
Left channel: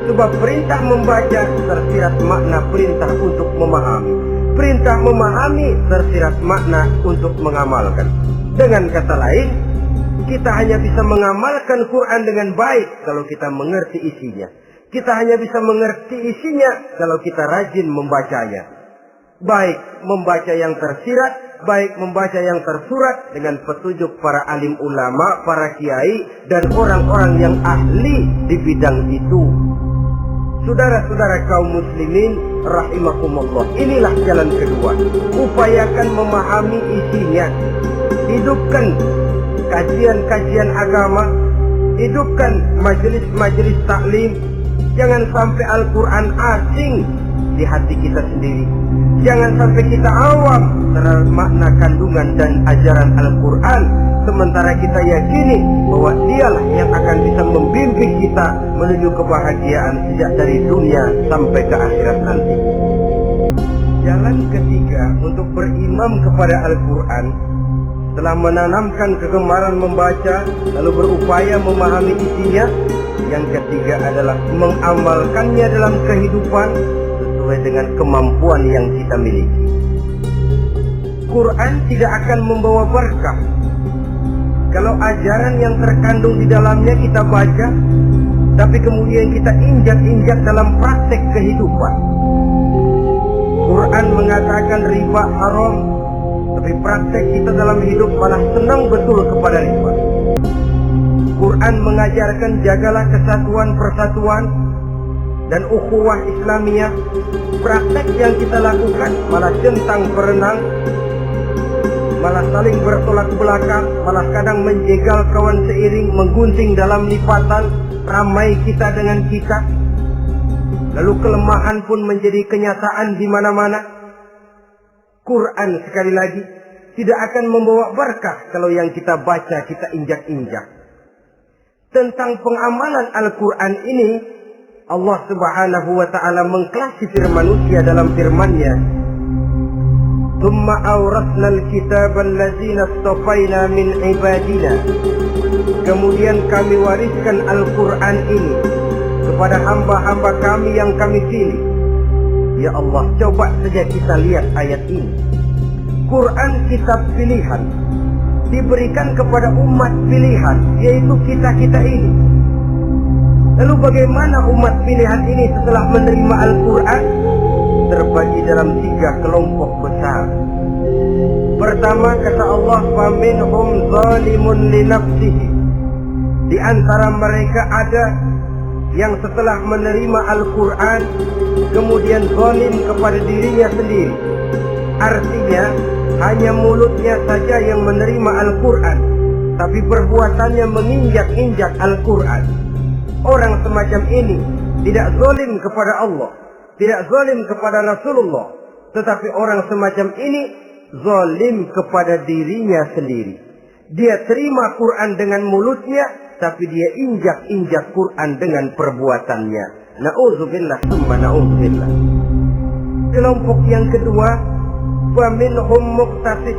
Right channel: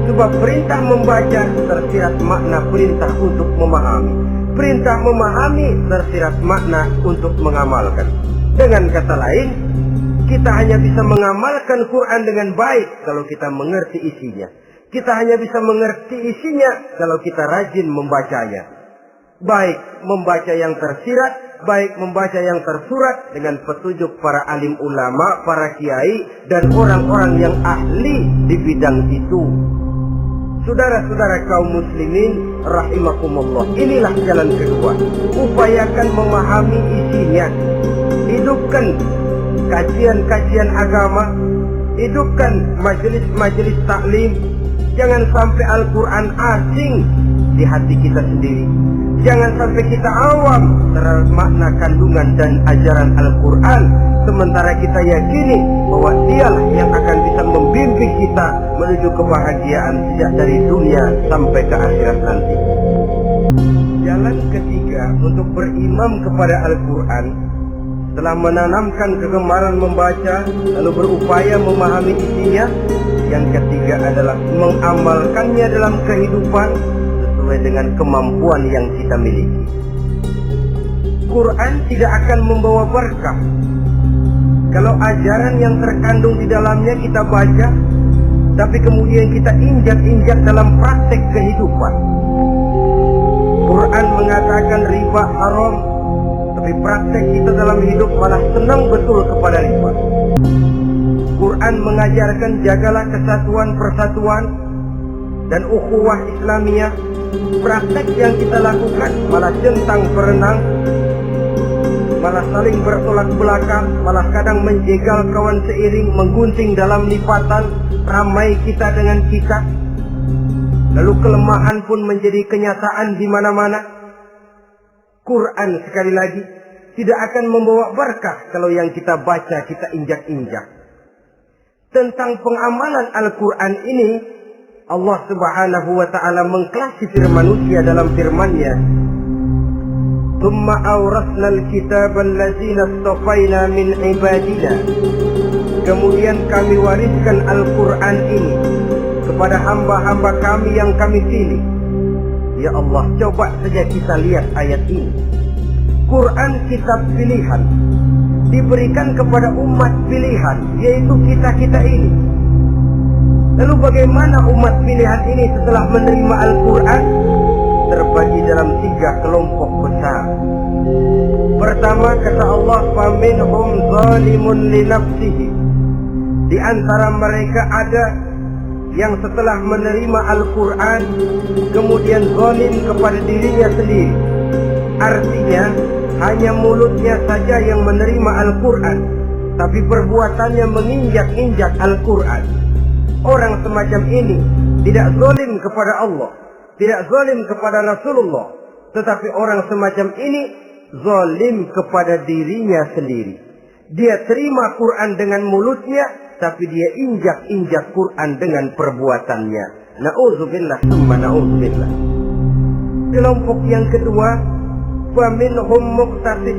Sebab perintah membaca tersirat makna perintah untuk memahami. Perintah memahami tersirat makna untuk mengamalkan. Dengan kata lain, kita hanya bisa mengamalkan Quran dengan baik kalau kita mengerti isinya. Kita hanya bisa mengerti isinya kalau kita rajin membacanya. Baik membaca yang tersirat, baik membaca yang tersurat dengan petunjuk para alim ulama, para kiai, dan orang-orang yang ahli di bidang itu. Saudara-saudara kaum muslimin rahimakumullah, inilah jalan kedua. Upayakan memahami isinya. Hidupkan kajian-kajian agama, hidupkan majelis-majelis taklim. Jangan sampai Al-Quran asing di hati kita sendiri. Jangan sampai kita awam terhadap makna kandungan dan ajaran Al-Quran, sementara kita yakini bahwa dialah yang akan bisa membimbing kita menuju kebahagiaan sejak dari dunia sampai ke akhirat nanti. Jalan ketiga untuk berimam kepada Al-Quran, setelah menanamkan kegemaran membaca lalu berupaya memahami isinya, yang ketiga adalah mengamalkannya dalam kehidupan sesuai dengan kemampuan yang kita miliki. Quran tidak akan membawa berkah Kalau ajaran yang terkandung di dalamnya kita baca, tapi kemudian kita injak-injak dalam praktek kehidupan. Quran mengatakan riba haram, tapi praktek kita dalam hidup malah senang betul kepada riba. Quran mengajarkan jagalah kesatuan persatuan dan ukhuwah Islamiyah. Praktek yang kita lakukan malah centang berenang, malah saling bertolak belakang, malah kadang menjegal kawan seiring, menggunting dalam lipatan, ramai kita dengan kita. Lalu kelemahan pun menjadi kenyataan di mana-mana. Quran sekali lagi tidak akan membawa berkah kalau yang kita baca kita injak-injak. Tentang pengamalan Al-Quran ini, Allah Subhanahu wa ta'ala mengklasifikasi manusia dalam firman-Nya. Tsumma awrasna al-kitaba allazina istafaina min ibadina. Kemudian kami wariskan Al-Quran ini kepada hamba-hamba kami yang kami pilih. Ya Allah, coba saja kita lihat ayat ini. Quran kitab pilihan, diberikan kepada umat pilihan, yaitu kita-kita ini. Lalu bagaimana umat pilihan ini setelah menerima Al-Quran? Terbagi dalam 3 kelompok besar. Pertama, kata Allah, faminhum zalimun li nafsihi. Di antara mereka ada yang setelah menerima Al-Quran kemudian zalim kepada dirinya sendiri. Artinya hanya mulutnya saja yang menerima Al-Quran, tapi perbuatannya menginjak-injak Al-Quran. Orang semacam ini tidak zalim kepada Allah, tidak zalim kepada Rasulullah, tetapi orang semacam ini zalim kepada dirinya sendiri. Dia terima Quran dengan mulutnya, tapi dia injak-injak Quran dengan perbuatannya. Na'udzubillah summa na'udzubillah. Kelompok yang kedua, faminhum muqtasid.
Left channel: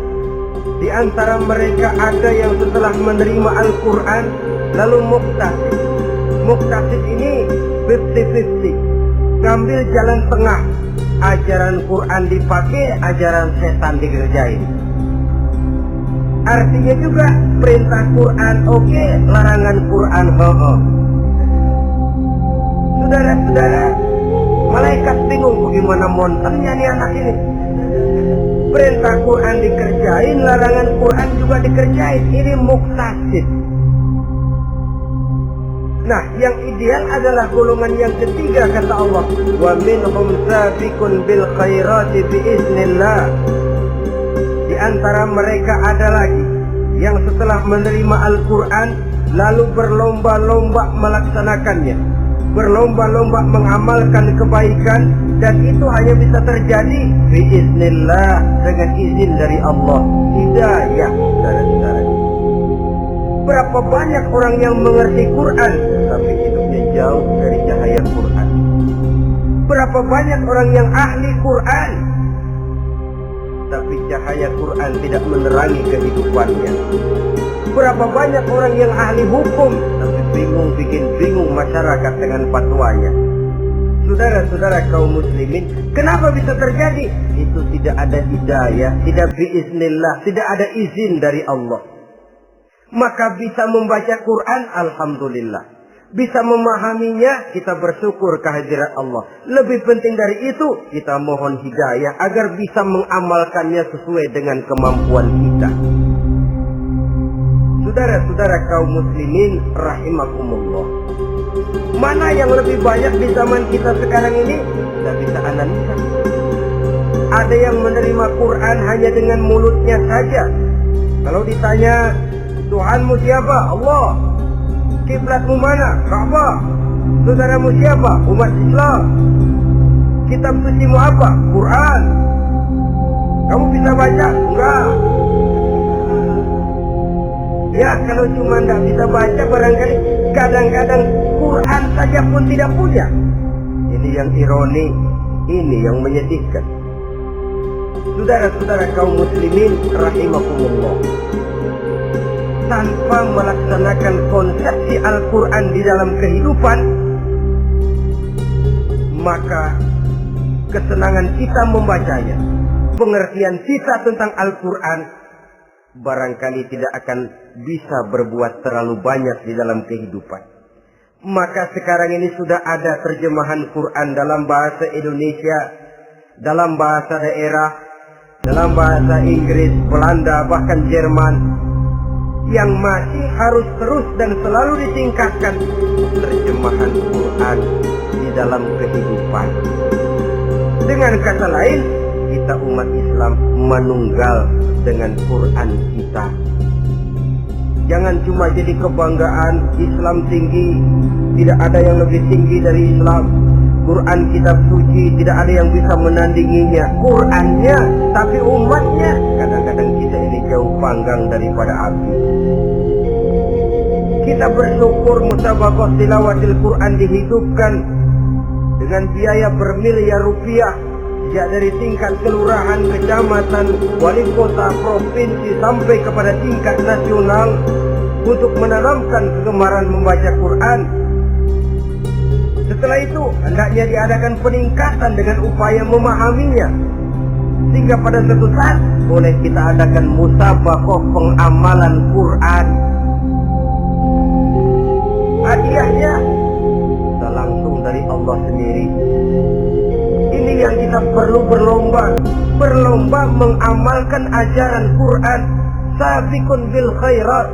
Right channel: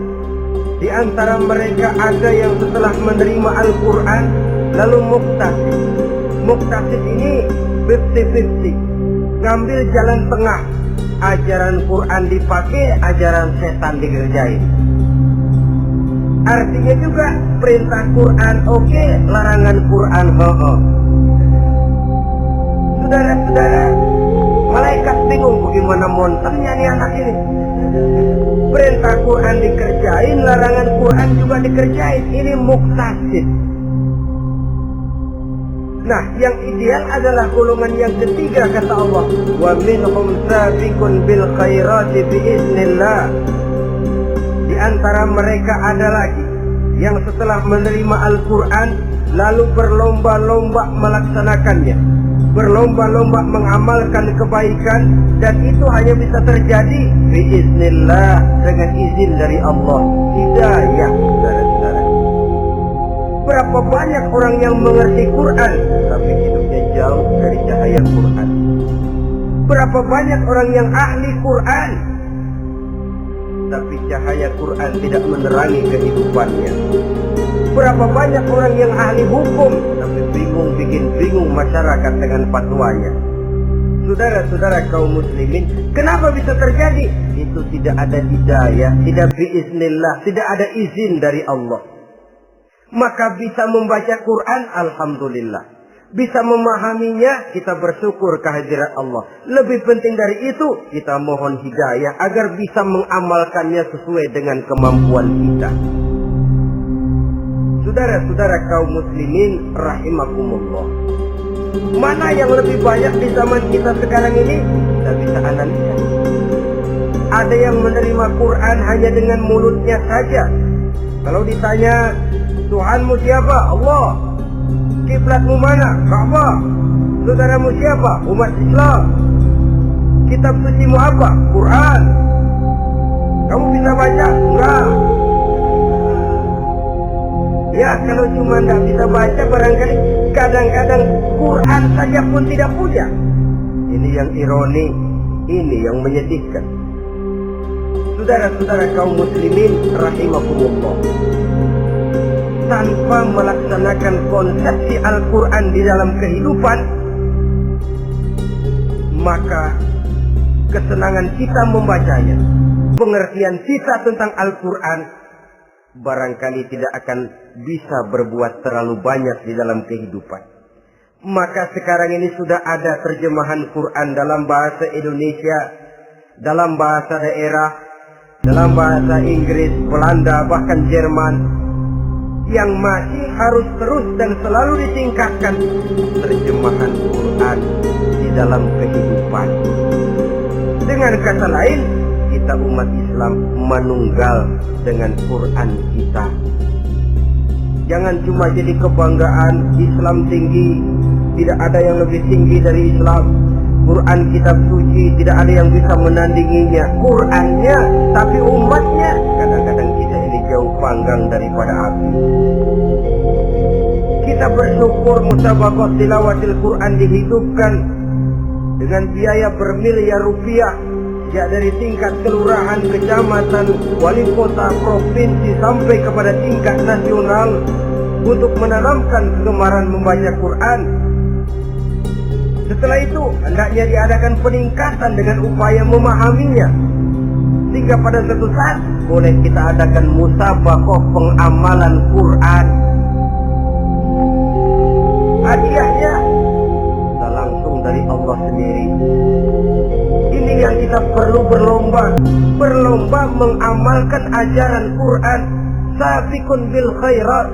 Di antara mereka ada yang setelah menerima Al-Quran lalu muqtasid. Muqtasid ini 50-50, ngambil jalan tengah. Ajaran Quran dipakai, ajaran setan dikerjain. Artinya juga perintah Quran oke, larangan Quran ho-ho. Saudara-saudara, malaikat bingung bagaimana monternya nih anak ini. Perintah Quran dikerjain, larangan Quran juga dikerjain. Ini muqtasid. Nah, yang ideal adalah golongan yang ketiga, kata Allah, wa minhum sabiqun bil khairati biiznillah. Di antara mereka ada lagi yang setelah menerima Al-Quran lalu berlomba-lomba melaksanakannya, berlomba-lomba mengamalkan kebaikan, dan itu hanya bisa terjadi biiznillah, dengan izin dari Allah. Hidayah, saudara-saudara. Berapa banyak orang yang mengerti Quran tapi hidupnya jauh dari cahaya Quran. Berapa banyak orang yang ahli Quran tapi cahaya Quran tidak menerangi kehidupannya. Berapa banyak orang yang ahli hukum tapi bikin bingung masyarakat dengan fatwanya. Saudara-saudara kaum muslimin, kenapa bisa terjadi? Itu tidak ada hidayah, tidak biiznillah, tidak ada izin dari Allah. Maka bisa membaca Quran, alhamdulillah. Bisa memahaminya, kita bersyukur kehadirat Allah. Lebih penting dari itu, kita mohon hidayah agar bisa mengamalkannya sesuai dengan kemampuan kita. Saudara-saudara kaum muslimin rahimakumullah, mana yang lebih banyak di zaman kita sekarang ini? Kita bisa analisa. Ada yang menerima Quran hanya dengan mulutnya saja. Kalau ditanya, Tuhanmu siapa? Allah. Kiblatmu mana? Ka'bah. Saudaramu siapa? Umat Islam. Kitab sucimu apa? Quran. Kamu bisa baca? Enggak. Ya, kalau cuma enggak bisa baca, barangkali kadang-kadang Quran saja pun tidak punya. Ini yang ironi, ini yang menyedihkan. Saudara-saudara kaum muslimin rahimakumullah, tanpa melaksanakan konsepsi Al-Quran di dalam kehidupan, maka kesenangan kita membacanya, pengertian kita tentang Al-Quran barangkali tidak akan bisa berbuat terlalu banyak di dalam kehidupan. Maka sekarang ini sudah ada terjemahan Quran dalam bahasa Indonesia, dalam bahasa daerah, dalam bahasa Inggris, Belanda, bahkan Jerman, yang masih harus terus dan selalu ditingkatkan terjemahan Quran di dalam kehidupan. Dengan kata lain, kita umat Islam menunggal dengan Quran kita. Jangan cuma jadi kebanggaan Islam tinggi, tidak ada yang lebih tinggi dari Islam. Quran kitab suci, tidak ada yang bisa menandinginya. Qurannya, tapi umatnya, kadang-kadang kita ini jauh panggang daripada api. Kita bersyukur musabaqah tilawatil Quran dihidupkan dengan biaya bermiliar rupiah, sejak dari tingkat kelurahan, kecamatan, wali kota, provinsi sampai kepada tingkat nasional, untuk menanamkan kegemaran membaca Quran. Setelah itu hendaknya diadakan peningkatan dengan upaya memahaminya, sehingga pada suatu saat boleh kita adakan musabaqah pengamalan Quran. Hadiahnya bisa langsung dari Allah sendiri. Ini yang kita perlu berlomba mengamalkan ajaran Quran. Sabiqun bil khairat,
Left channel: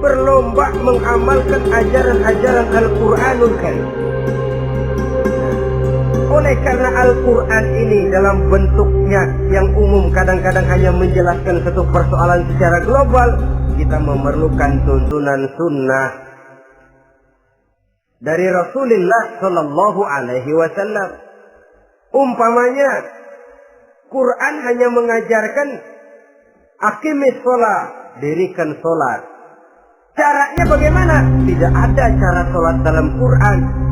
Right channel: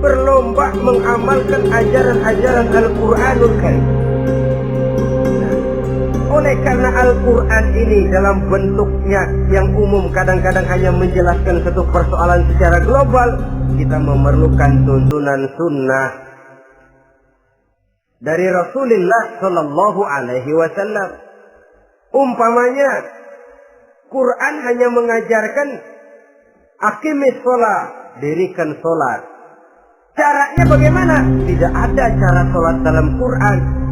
berlomba mengamalkan ajaran-ajaran Al-Quranul Karim. Oleh karena Al-Quran ini dalam bentuknya yang umum kadang-kadang hanya menjelaskan satu persoalan secara global, kita memerlukan tuntunan sunnah dari Rasulullah Sallallahu Alaihi Wasallam. Umpamanya, Quran hanya mengajarkan aqimis sholat, dirikan sholat. Caranya bagaimana? Tidak ada cara sholat dalam Quran.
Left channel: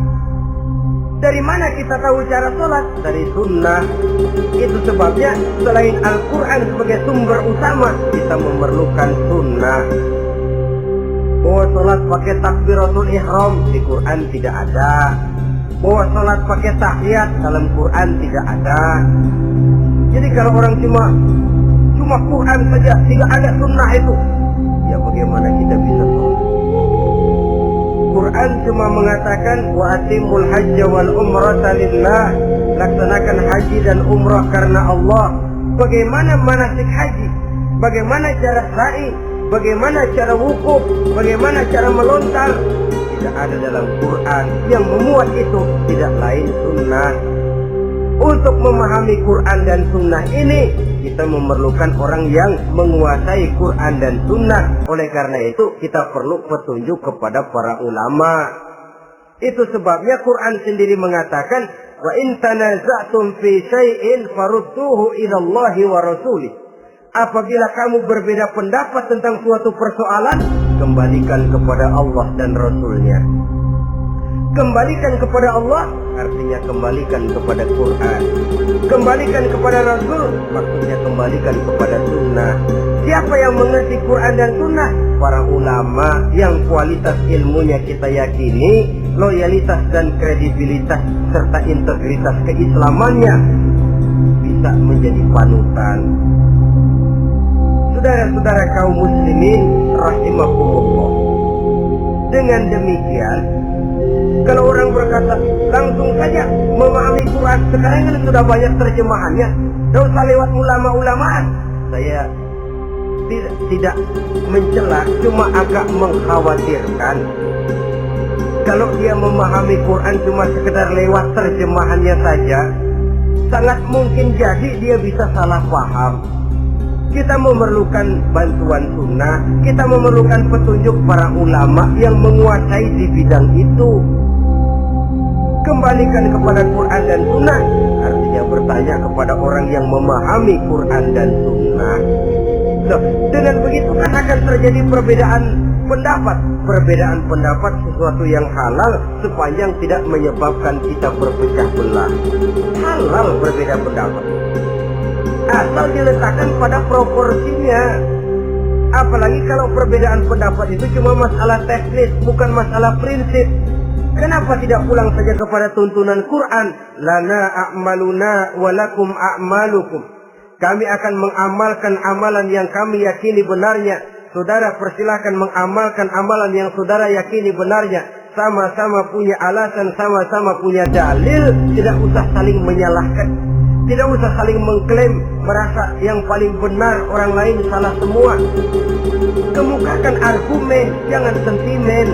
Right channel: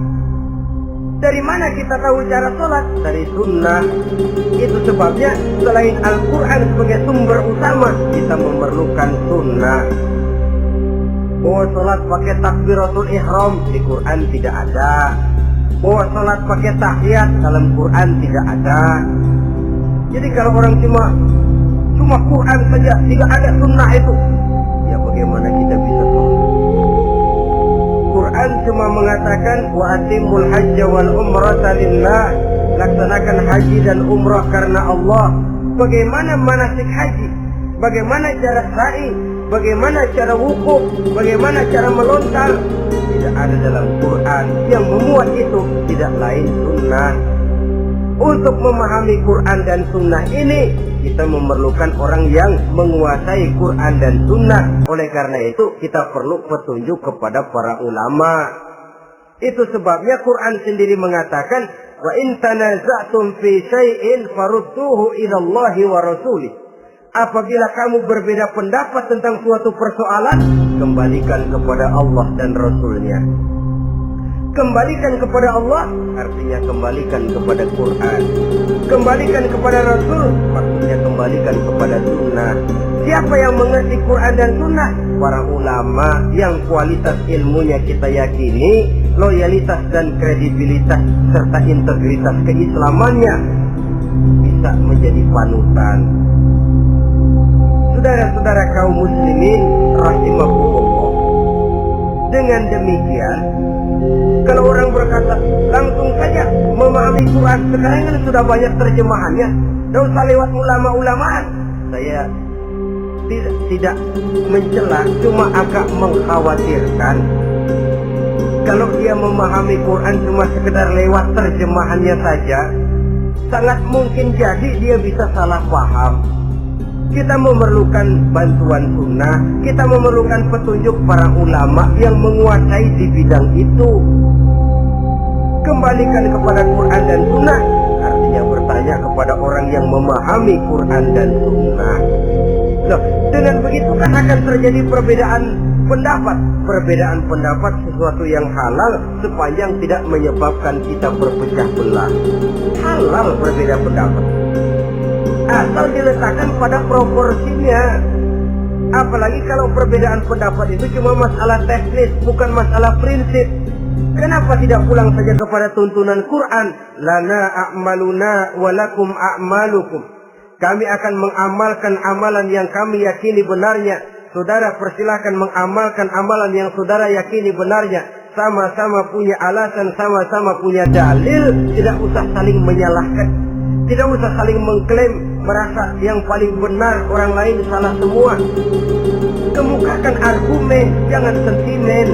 Dari mana kita tahu cara sholat? Dari sunnah. Itu sebabnya selain Al-Quran sebagai sumber utama, kita memerlukan sunnah. Bahwa sholat pakai takbiratul ihram di Quran tidak ada. Bahwa sholat pakai tahiyat dalam Quran tidak ada. Jadi kalau orang cuma Quran saja, tidak ada sunnah itu, ya bagaimana kita bisa sholat? Quran cuma mengatakan wa atimul hajja wal umrata lillah, laksanakan haji dan umrah karena Allah. Bagaimana manasik haji? Bagaimana cara sa'i? Bagaimana cara wukuf? Bagaimana cara melontar? Tidak ada dalam Quran. Yang memuat itu tidak lain sunnah. Untuk memahami Quran dan sunnah ini, kita memerlukan orang yang menguasai Quran dan sunnah. Oleh karena itu kita perlu petunjuk kepada para ulama. Itu sebabnya Quran sendiri mengatakan, wa in tanaza'tum fi syai'in farudduhu ila Allahi wa rasulih. Apabila kamu berbeda pendapat tentang suatu persoalan, kembalikan kepada Allah dan Rasulnya. Kembalikan kepada Allah artinya kembalikan kepada Quran. Kembalikan kepada Rasul maksudnya kembalikan kepada sunnah. Siapa yang mengerti Quran dan sunnah? Para ulama yang kualitas ilmunya kita yakini, loyalitas dan kredibilitas serta integritas keislamannya bisa menjadi panutan. Saudara-saudara kaum muslimin rahimakumullah. Dengan demikian, kalau orang berkata langsung saja memahami Quran, sekarang kan sudah banyak terjemahannya, tidak usah lewat ulama-ulamaan. Saya tidak mencela, cuma agak mengkhawatirkan kalau dia memahami Quran cuma sekedar lewat terjemahannya saja, sangat mungkin jadi dia bisa salah paham. Kita memerlukan bantuan sunnah, kita memerlukan petunjuk para ulama yang menguasai di bidang itu. Kembalikan kepada Quran dan sunnah artinya bertanya kepada orang yang memahami Quran dan sunnah. Loh, dengan begitu kan akan terjadi perbedaan pendapat. Perbedaan pendapat sesuatu yang halal sepanjang tidak menyebabkan kita berpecah belah. Halal berbeda pendapat, asal diletakkan pada proporsinya. Apalagi kalau perbedaan pendapat itu cuma masalah teknis, bukan masalah prinsip. Kenapa tidak pulang saja kepada tuntunan Quran? Lana a'maluna walakum a'malukum. Kami akan mengamalkan amalan yang kami yakini benarnya. Saudara persilahkan mengamalkan amalan yang saudara yakini benarnya. Sama-sama punya alasan, sama-sama punya dalil. Tidak usah saling menyalahkan. Tidak usah saling mengklaim, merasa yang paling benar, orang lain salah semua. Kemukakan argumen, jangan sentimen.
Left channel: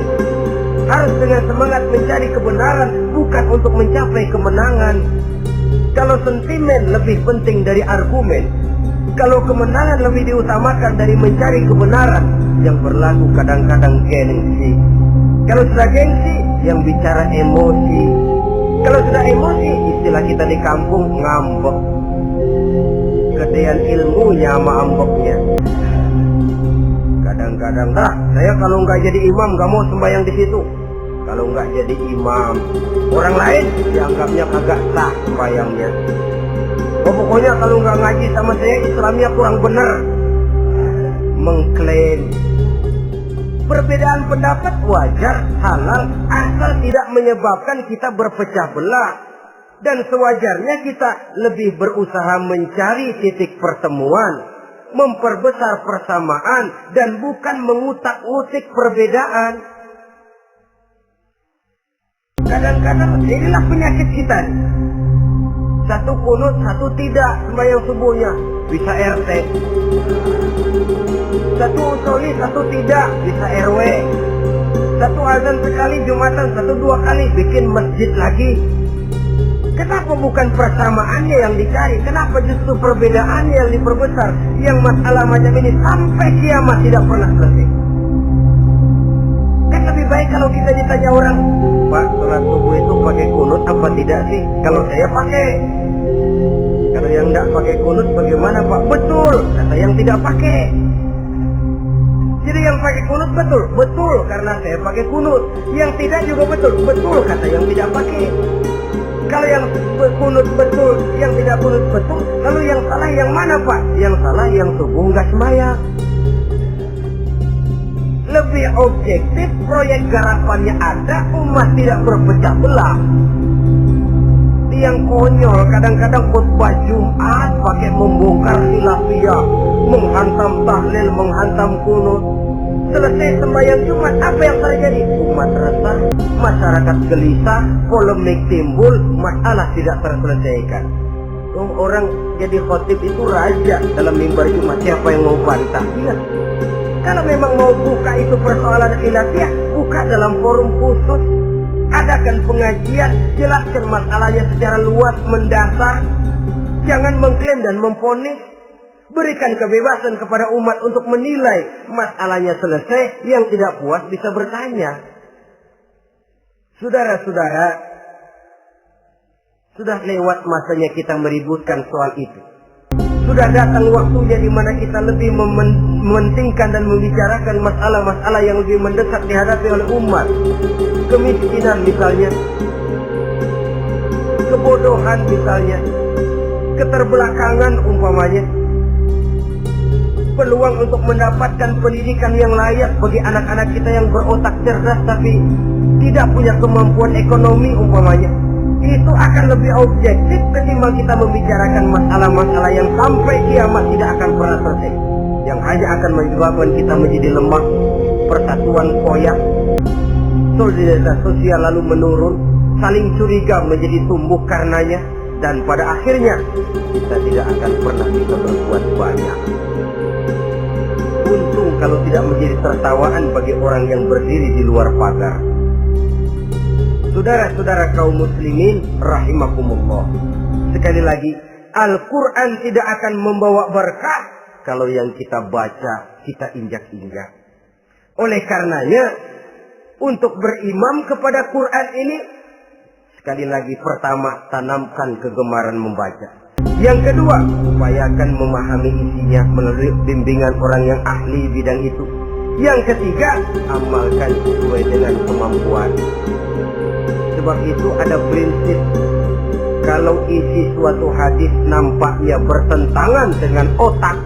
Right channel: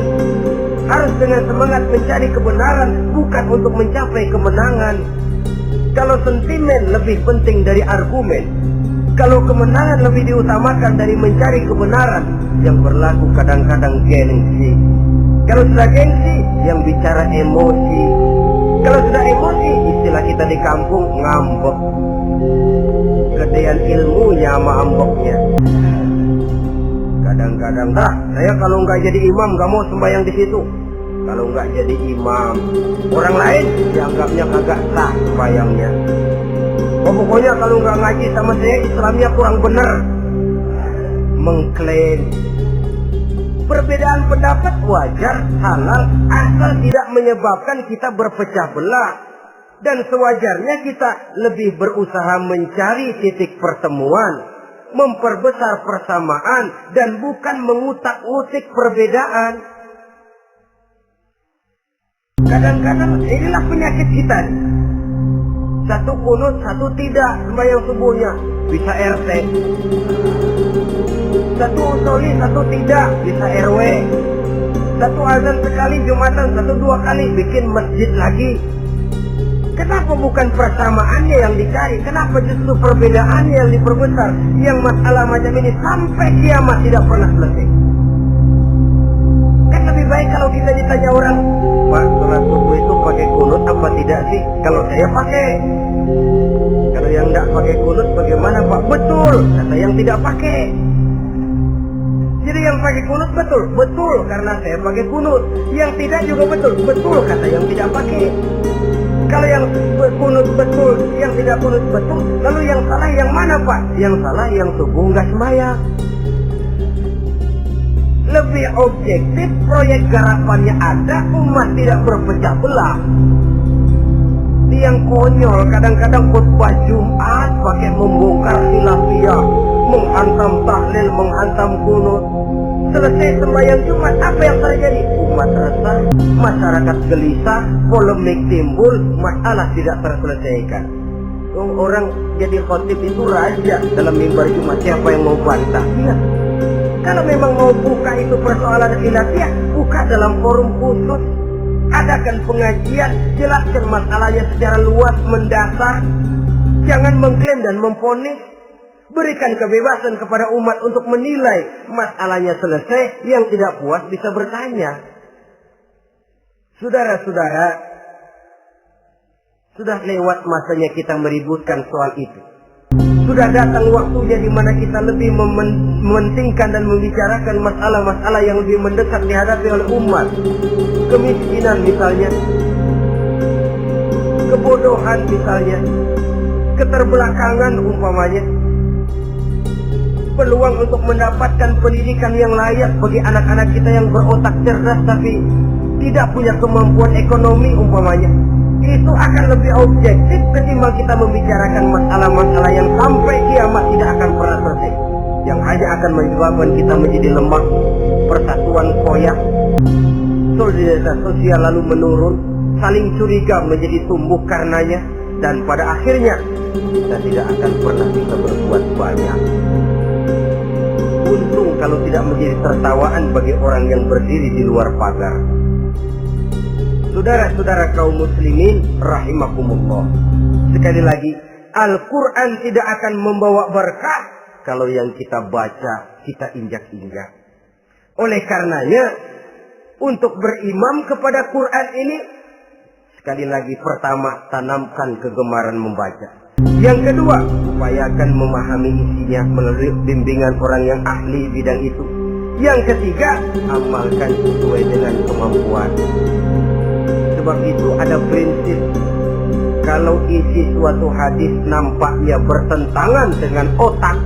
Harus dengan semangat mencari kebenaran, bukan untuk mencapai kemenangan. Kalau sentimen lebih penting dari argumen, kalau kemenangan lebih diutamakan dari mencari kebenaran, yang berlaku kadang-kadang gengsi. Kalau sudah gengsi, yang bicara emosi. Kalau sudah emosi, istilah kita di kampung, ngambek. Gedean ilmunya sama ambeknya. Kadang-kadang, saya kalau nggak jadi imam nggak mau sembahyang di situ. Kalau nggak jadi imam, orang lain dianggapnya kagak sah sembahyangnya. Pokoknya kalau nggak ngaji sama saya, Islamnya kurang benar. Mengklaim. Perbedaan pendapat wajar, halal, asal tidak menyebabkan kita berpecah belah. Dan sewajarnya kita lebih berusaha mencari titik pertemuan, memperbesar persamaan, dan bukan mengutak-utik perbedaan. Kadang-kadang inilah penyakit kita nih. Satu kunut, satu tidak sembahyang subuhnya. Bisa RT. Satu usoli, satu tidak. Bisa RW. Satu azan sekali Jumatan, satu dua kali bikin masjid lagi. Kenapa bukan persamaannya yang dicari? Kenapa justru perbedaannya yang diperbesar? Yang masalah macam ini sampai kiamat tidak pernah selesai. Kan lebih baik kalau kita ditanya orang, Pak, sholat subuh itu pakai kunut apa tidak sih? Kalau saya pakai. Kalau yang tidak pakai kunut bagaimana Pak? Betul, kata yang tidak pakai. Jadi yang pakai kunut betul, betul karena saya pakai kunut. Yang tidak juga betul, betul kata yang tidak pakai. Kalau yang kunut betul, yang tidak kunut betul, lalu yang salah yang mana Pak? Yang salah yang subuh nggak sembahyang. Lebih objektif, proyek garapannya ada, umat tidak berpecah belah. Tiang konyol kadang-kadang khutbah Jumat pakai membongkar khilafiyah, menghantam tahlil, menghantam kunut. Selesai sembahyang Jumat, apa yang terjadi? Umat resah, masyarakat gelisah, polemik timbul, masalah tidak terselesaikan. Orang jadi khotib itu raja dalam mimbar Jumat, siapa yang mau bantah? Iya. Kalau memang mau buka itu persoalan khilafiyah, buka dalam forum khusus. Adakan pengajian, jelaskan masalahnya secara luas, mendasar. Jangan mengklaim dan memponis. Berikan kebebasan kepada umat untuk menilai masalahnya selesai. Yang tidak puas bisa bertanya. Saudara-saudara, sudah lewat masanya kita meributkan soal itu. Sudah datang waktunya di mana kita lebih mementingkan dan membicarakan masalah-masalah yang lebih mendesak dihadapi oleh umat. Kemiskinan misalnya, kebodohan misalnya, keterbelakangan umpamanya, peluang untuk mendapatkan pendidikan yang layak bagi anak-anak kita yang berotak cerdas tapi tidak punya kemampuan ekonomi umpamanya. Itu akan lebih objektif ketimbang kita membicarakan masalah-masalah yang sampai kiamat tidak akan pernah selesai, yang hanya akan menyebabkan kita menjadi lemah, persatuan koyak, solidaritas sosial lalu menurun, saling curiga menjadi tumbuh karenanya, dan pada akhirnya kita tidak akan pernah bisa berbuat banyak. Untung kalau tidak menjadi tertawaan bagi orang yang berdiri di luar pagar. Saudara-saudara kaum muslimin rahimakumullah. Sekali lagi, Al-Quran tidak akan membawa berkah kalau yang kita baca kita injak-injak. Oleh karenanya, untuk berimam kepada Quran ini, sekali lagi pertama, tanamkan kegemaran membaca. Yang kedua, upayakan memahami isinya melalui bimbingan orang yang ahli bidang itu. Yang ketiga, amalkan sesuai dengan kemampuan. Sebab itu ada prinsip, kalau isi suatu hadis nampaknya bertentangan dengan otak,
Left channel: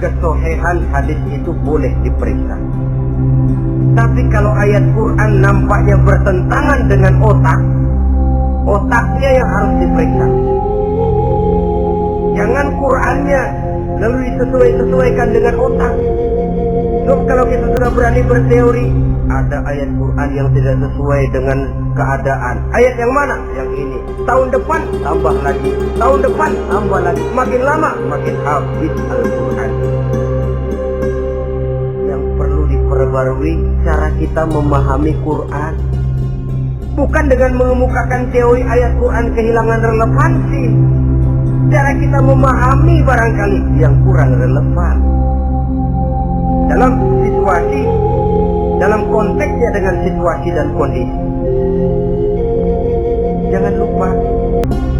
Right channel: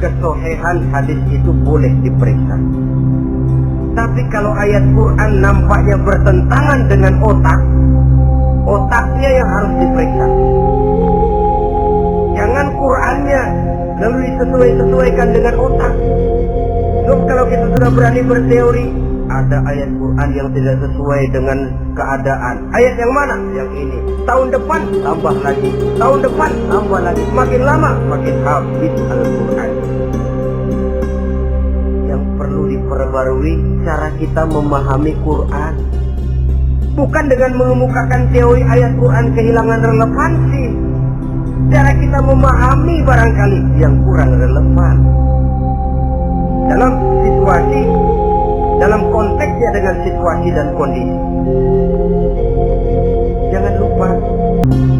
kesohihan hadis itu boleh diperiksa. Tapi kalau ayat Quran nampaknya bertentangan dengan otak, otaknya yang harus diperiksa. Jangan Qurannya lalu disesuaikan dengan otak. So, kalau kita sudah berani berteori, ada ayat Quran yang tidak sesuai dengan keadaan. Ayat yang mana? Yang ini. Tahun depan tambah lagi. Tahun depan tambah lagi. Makin lama makin habis Al-Quran. Yang perlu diperbarui cara kita memahami Quran. Bukan dengan mengemukakan teori ayat Quran kehilangan relevansi. Cara kita memahami barangkali yang kurang relevan. Dalam konteksnya dengan situasi dan kondisi. Jangan lupa,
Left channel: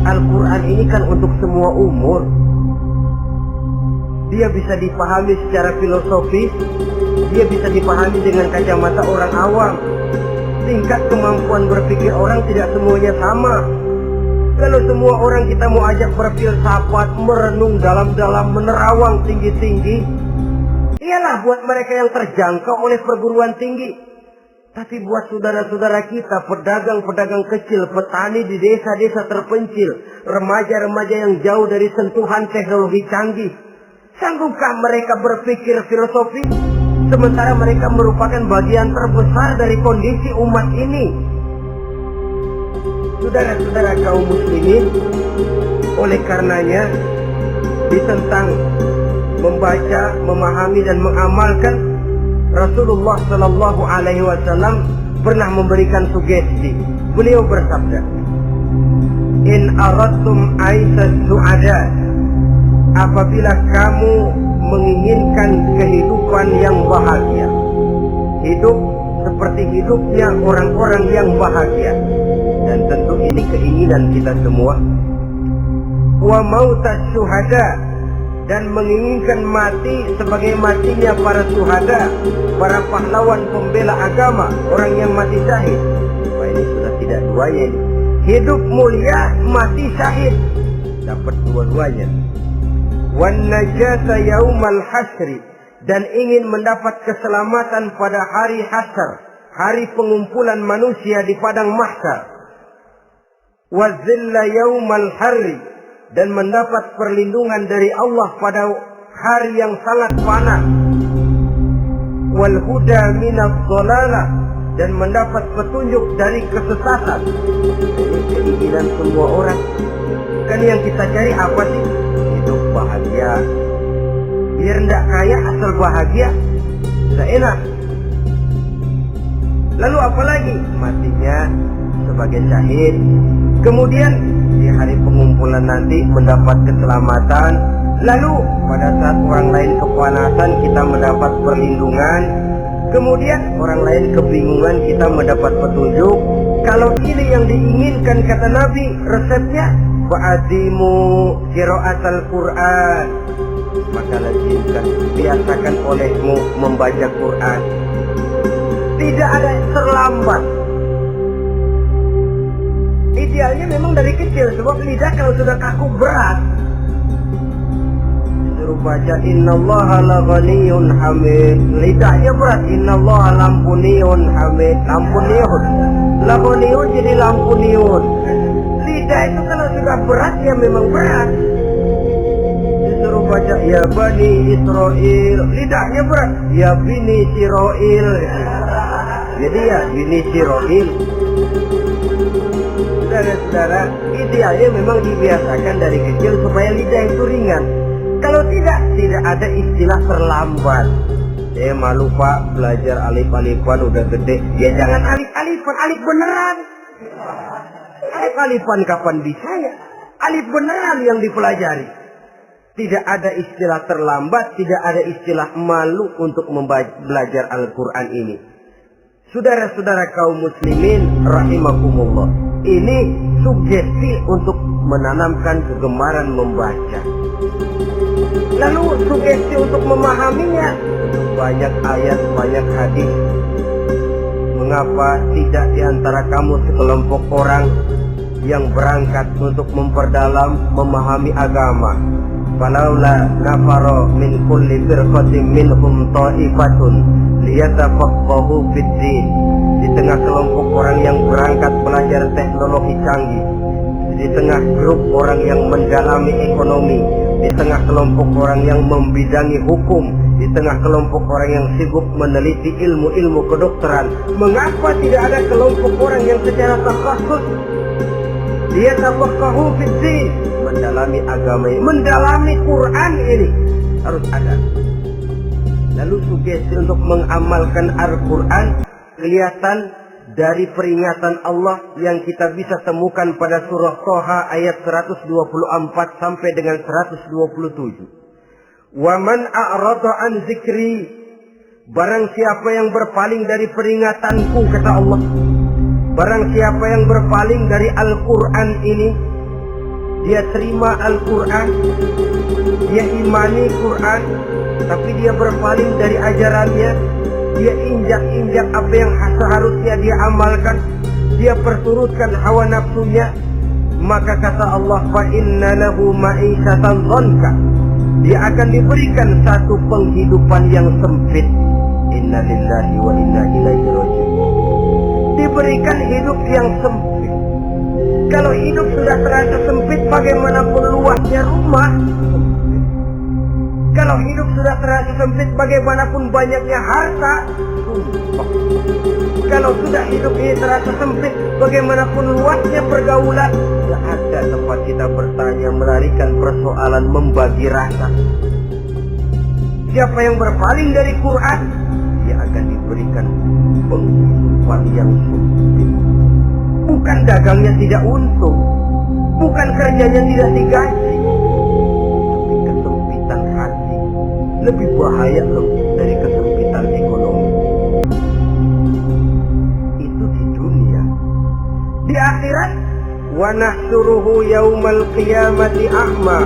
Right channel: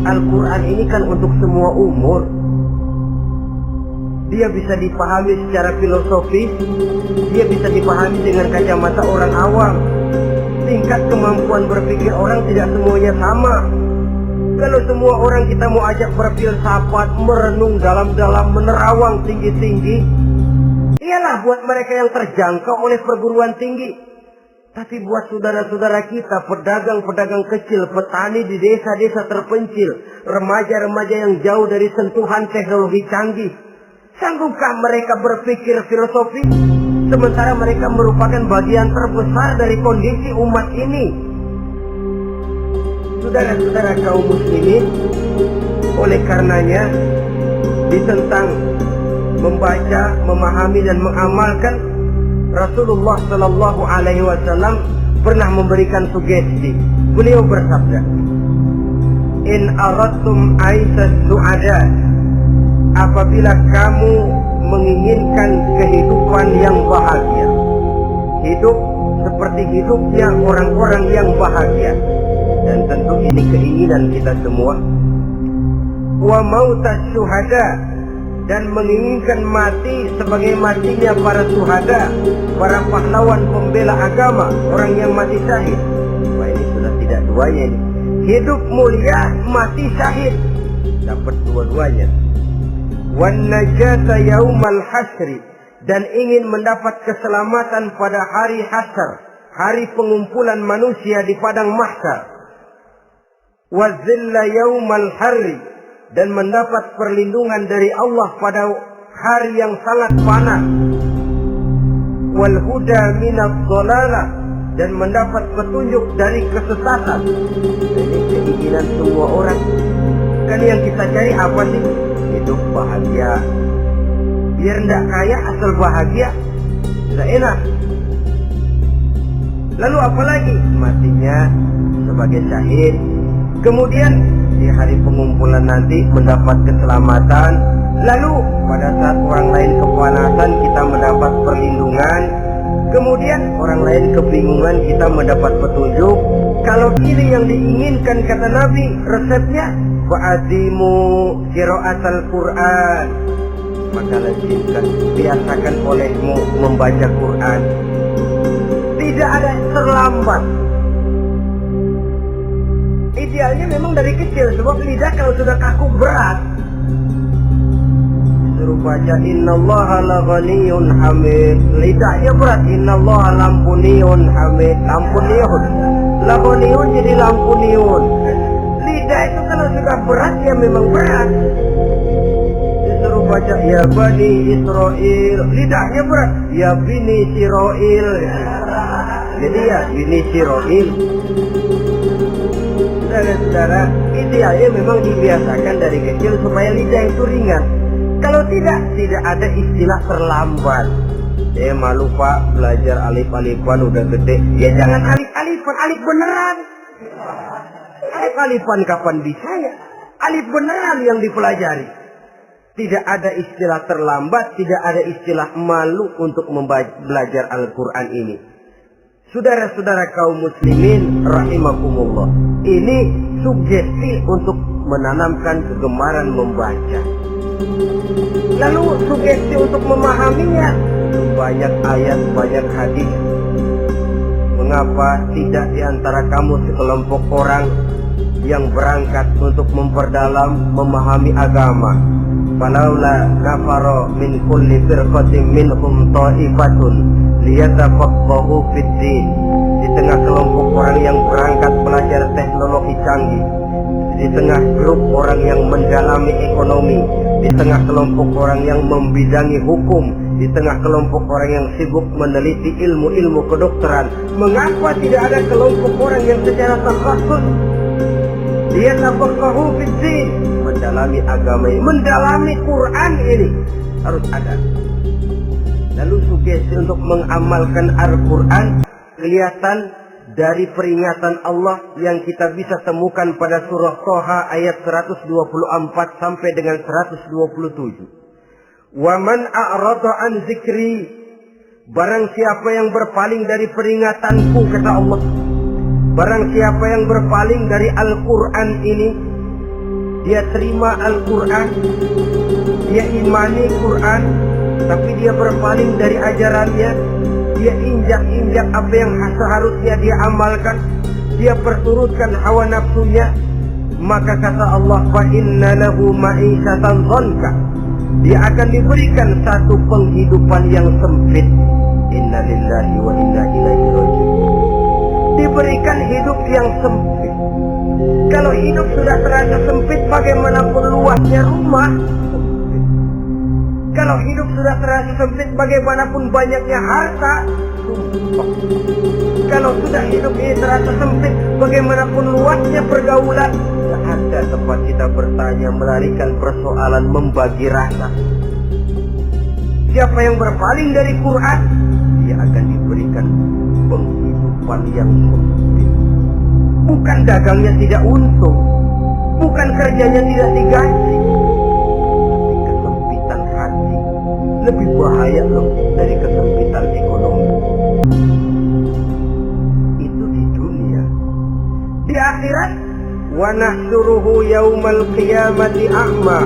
Al-Quran ini kan untuk semua umur. Dia bisa dipahami secara filosofis, dia bisa dipahami dengan kacamata orang awam. Tingkat kemampuan berpikir orang tidak semuanya sama. Kalau semua orang kita mau ajak berfilsafat, merenung dalam-dalam, menerawang tinggi-tinggi, ialah buat mereka yang terjangkau oleh perguruan tinggi. Tapi buat saudara-saudara kita, pedagang-pedagang kecil, petani di desa-desa terpencil, remaja-remaja yang jauh dari sentuhan teknologi canggih, sanggupkah mereka berpikir filosofi? Sementara mereka merupakan bagian terbesar dari kondisi umat ini. Saudara-saudara kaum muslimin, oleh karenanya ditentang membaca, memahami dan mengamalkan. Rasulullah Sallallahu Alaihi Wasallam pernah memberikan sugesti. Beliau bersabda, "In aradtum aisas su'ada," apabila kamu menginginkan kehidupan yang bahagia, hidup seperti hidupnya orang-orang yang bahagia, dan tentu ini keinginan kita semua. Wa mautas syuhada, dan menginginkan mati sebagai matinya para syuhada, para pahlawan pembela agama, orang yang mati syahid. Wah, ini sudah tidak duanya ini. Hidup mulia, mati syahid, dapat dua-duanya. Wan najata yaumal hasri, dan ingin mendapat keselamatan pada hari hasyar, hari pengumpulan manusia di padang mahsyar. Wa zilla yaumal harri, dan mendapat perlindungan dari Allah pada hari yang sangat panas. Wal huda minadh dhalalah, dan mendapat petunjuk dari kesesatan. Ini keinginan semua orang. Kan yang kita cari apa sih? Hidup bahagia. Biar tidak kaya asal bahagia, sudah enak. Lalu apa lagi? Matinya sebagai syahid. Kemudian di hari pengumpulan nanti mendapat keselamatan. Lalu pada saat orang lain kepanasan, kita mendapat perlindungan. Kemudian orang lain kebingungan, kita mendapat petunjuk. Kalau ini yang diinginkan, kata Nabi, resepnya fa'adimu qira'atal Qur'an, maka lazimkan, biasakan olehmu membaca Quran. Tidak ada terlambat. Idealnya memang dari kecil, sebab lidah kalau sudah kaku berat. Disuruh baca innallaha laghaniyun hamid, lidahnya berat. Innallaha lampuniyun hamid, lampuniyun, laghaniyun jadi lampuniyun. Lidah itu kalau sudah berat ya memang berat. Disuruh baca ya bani Israel, lidahnya berat. Ya bini Israel, jadi ya bini Israel. Saudara-saudara, idealnya memang dibiasakan dari kecil supaya lidah itu ringan. Kalau tidak ada istilah terlambat. Saya malu pak, belajar alif-alifan udah gede. Ya jangan alif-alifan, alif beneran. Alif-alifan kapan bisa ya? Alif beneran yang dipelajari. Tidak ada istilah terlambat, tidak ada istilah malu untuk belajar Al-Quran ini. Saudara-saudara kaum muslimin rahimakumullah, ini sugesti untuk menanamkan kegemaran membaca. Lalu sugesti untuk memahaminya, tentu banyak ayat, banyak hadis. Mengapa tidak diantara kamu sekelompok orang yang berangkat untuk memperdalam, memahami agama? Falaula nafara min kulli firqatin minhum ta'ifatun liyatafaqahu fid din. Di tengah kelompok orang yang berangkat belajar teknologi canggih, di tengah grup orang yang mendalami ekonomi, di tengah kelompok orang yang membidangi hukum, di tengah kelompok orang yang sibuk meneliti ilmu-ilmu kedokteran, mengapa tidak ada kelompok orang yang secara takhasus dia tafaqahu fid din, mendalami agama ini, mendalami Quran ini? Harus ada. Lalu sugesti untuk mengamalkan Al-Quran kelihatan dari peringatan Allah yang kita bisa temukan pada surah Toha ayat 124 sampai dengan 127. Wa man a'rada an zikri, barang siapa yang berpaling dari peringatanku, kata Allah, barang siapa yang berpaling dari Al-Quran ini, dia terima Al-Quran, dia imani Quran, tapi dia berpaling dari ajarannya, dia injak-injak apa yang seharusnya dia amalkan, dia perturutkan hawa nafsunya, maka kata Allah, fa inna lahu ma'isyatan dhanka, dia akan diberikan satu penghidupan yang sempit. Inna lillahi wa inna ilaihi raji'un. Diberikan hidup yang sempit. Kalau hidup sudah terasa sempit, bagaimanapun luasnya rumah, sempit. Kalau hidup sudah terasa sempit, bagaimanapun banyaknya harta, sumpah. Kalau sudah hidup ini terasa sempit, bagaimanapun luasnya pergaulan, tidak ada tempat kita bertanya, melarikan persoalan, membagi rasa. Siapa yang berpaling dari Quran, dia akan diberikan penghidupan yang sempit. Bukan dagangnya tidak untung, bukan kerjanya tidak digaji, tapi kesempitan hati lebih bahaya loh dari kesempitan ekonomi. Itu di dunia. Di akhirat, wa nahsyuruhu yaumal qiyamati a'ma.